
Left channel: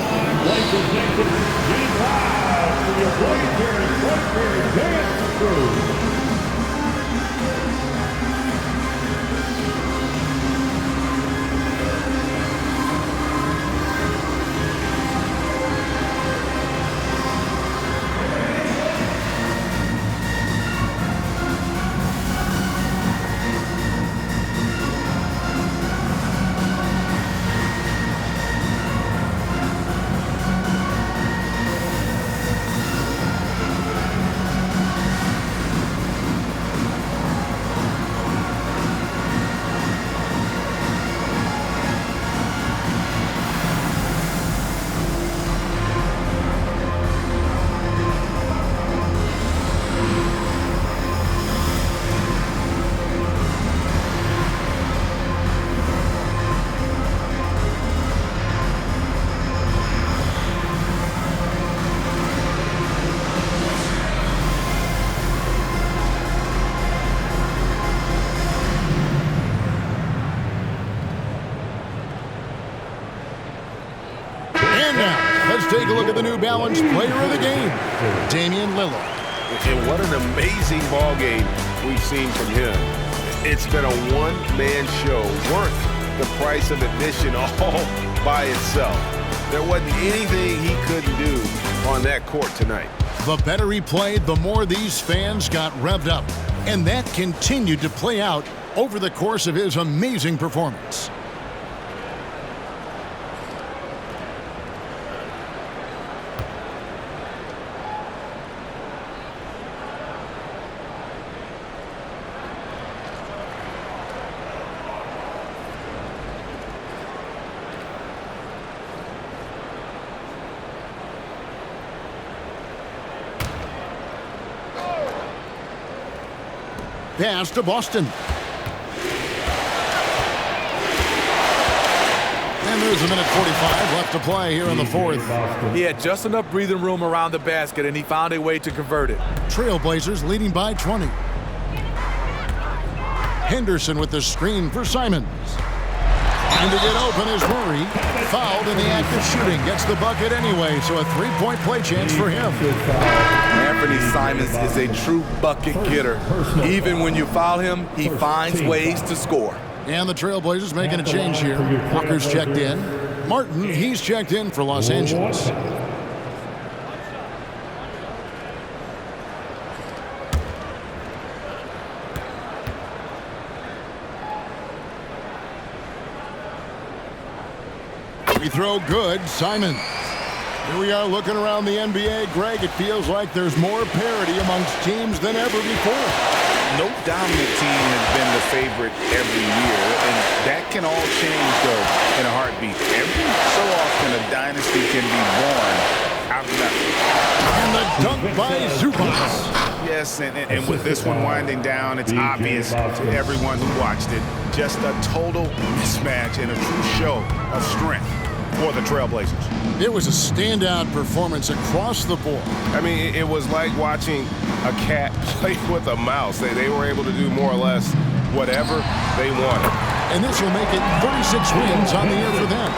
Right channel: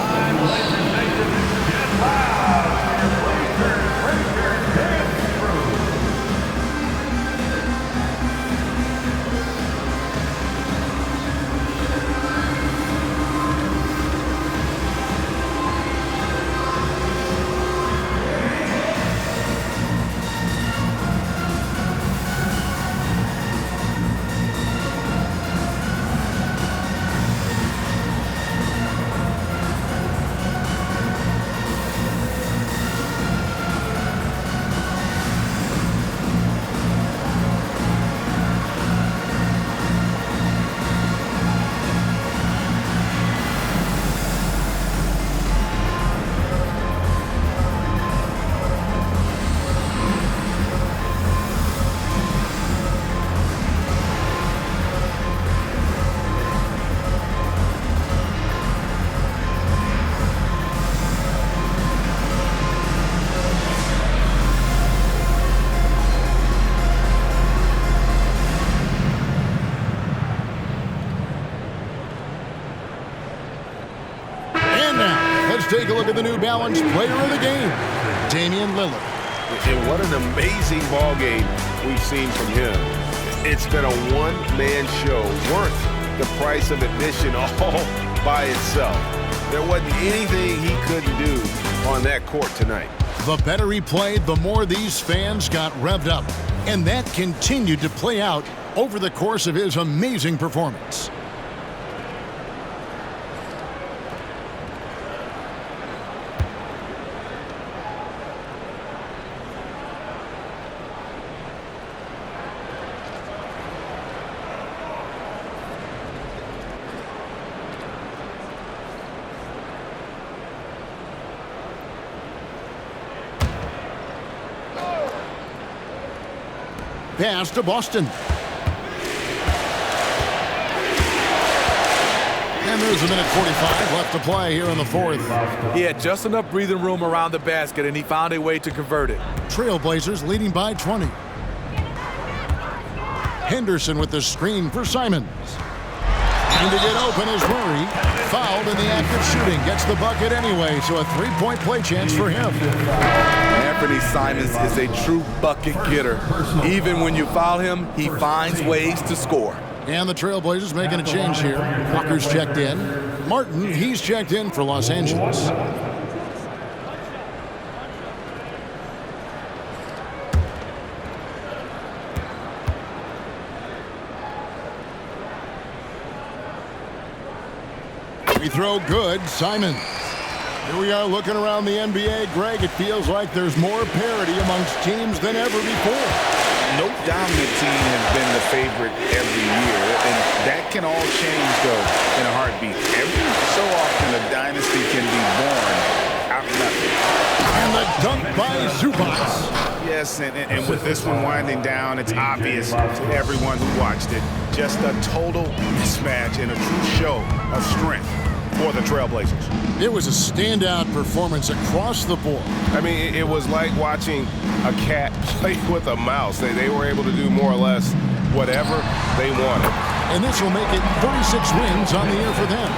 And now, let's take a look at the New Balance Player of the Game, Damian Lillard. And what an amazing ball game we've seen from him. It's been a one-man show worth the price of admission all by itself. There wasn't anything he couldn't do on that court tonight. The better he played, the more these fans got revved up. And that continued to play out over the course of his amazing performance. Pass to Boston. And there's a minute 45 left to play here in the fourth. He had just enough breathing room around the basket, and he found a way to convert it. Trailblazers leading by 20. Henderson with the screen for Simons. Trying to get open is Murray. Fouled in the act of shooting. Gets the bucket anyway, so a three-point play chance for him. Anthony Simons is a true bucket getter. Even when you foul him, he finds ways to score. And the Trailblazers making a change here. Walker's checked in. Martin, he's checked in for Los Angeles. Free throw good, Simons. Here we are looking around the NBA. Greg, it feels like there's more parity amongst teams than ever before. No dominant team has been the favorite every year, and that can all change, though, in a heartbeat. Every so often, a dynasty can be born out of nothing. And the dunk by Zubac. Yes, and with this one winding down, it's obvious to everyone who watched it. Just a total mismatch and a true show of strength for the Trailblazers. It was a standout performance across the board. I mean, it was like watching a cat play with a mouse. They were able to do more or less whatever they wanted. And this will make it 36 wins on the year for them.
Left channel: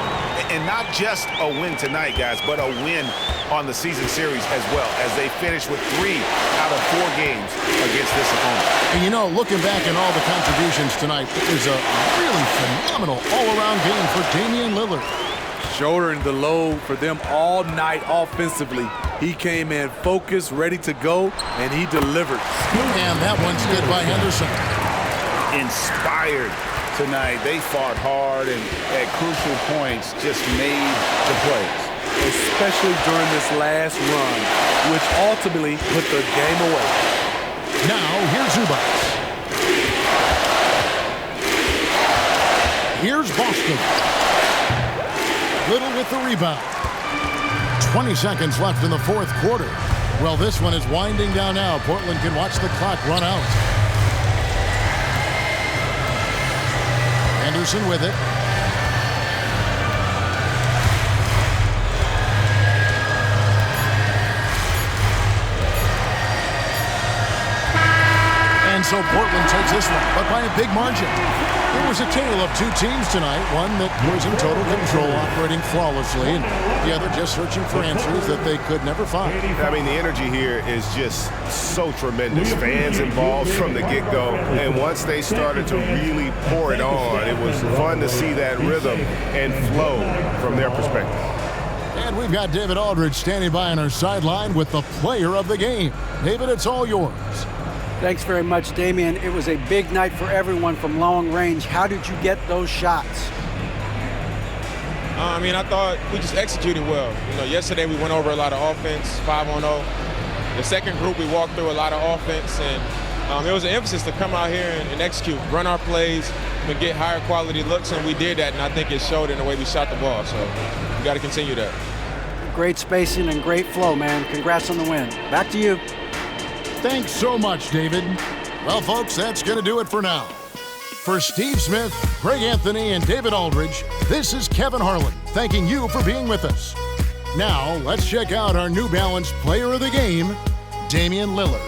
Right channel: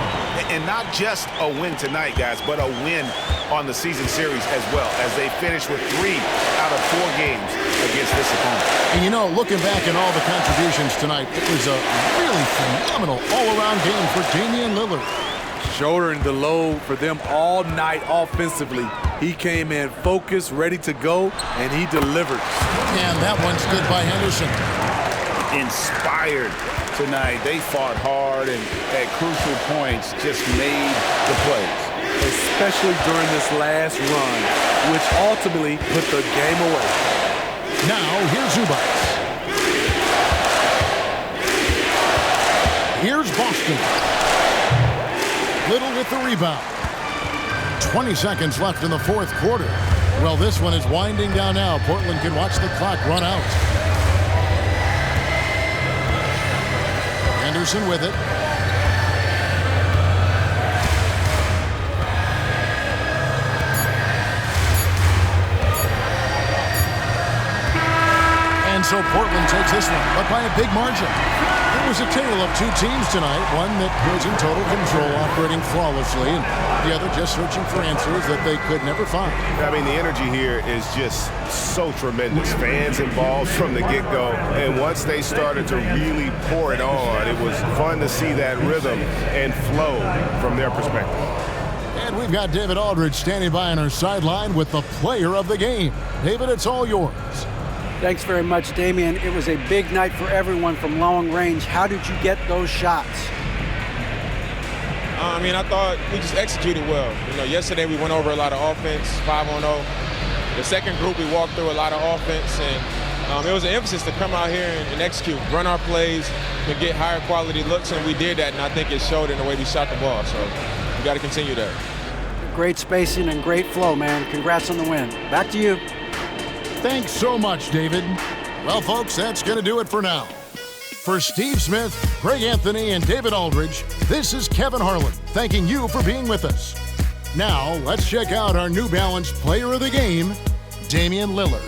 And not just a win tonight, guys, but a win on the season series as well, as they finish with 3 out of 4 games against this opponent. And you know, looking back at all the contributions tonight, it was a really phenomenal all-around game for Damian Lillard. Shouldering the load for them all night offensively. He came in focused, ready to go, and he delivered. And that one's good by Henderson. Inspired tonight. They fought hard and at crucial points just made the plays. Especially during this last run, which ultimately put the game away. Now, here's Zubac. Here's Boston. Little with the rebound. 20 seconds left in the fourth quarter. Well, this one is winding down now. Portland can watch the clock run out. Henderson with it. And so Portland takes this one, but by a big margin. It was a tale of 2 teams tonight, one that was in total control, operating flawlessly, and the other just searching for answers that they could never find. I mean, the energy here is just so tremendous. Fans involved from the get-go, and once they started to really pour it on, it was fun to see that rhythm and flow from their perspective. And we've got David Aldridge standing by on our sideline with the player of the game. David, it's all yours. Thanks very much, Damian. It was a big night for everyone from long range. How did you get those shots? I mean, I thought we just executed well. You know, yesterday we went over a lot of offense, 5-on-0. The second group, we walked through a lot of offense, and it was an emphasis to come out here and execute, run our plays, and get higher quality looks, and we did that, and I think it showed in the way we shot the ball. So we got to continue that. Great spacing and great flow, man. Congrats on the win. Back to you. Thanks so much, David. Well, folks, that's going to do it for now. For Steve Smith, Greg Anthony, and David Aldridge, this is Kevin Harlan, thanking you for being with us. Now, let's check out our New Balance player of the game, Damian Lillard.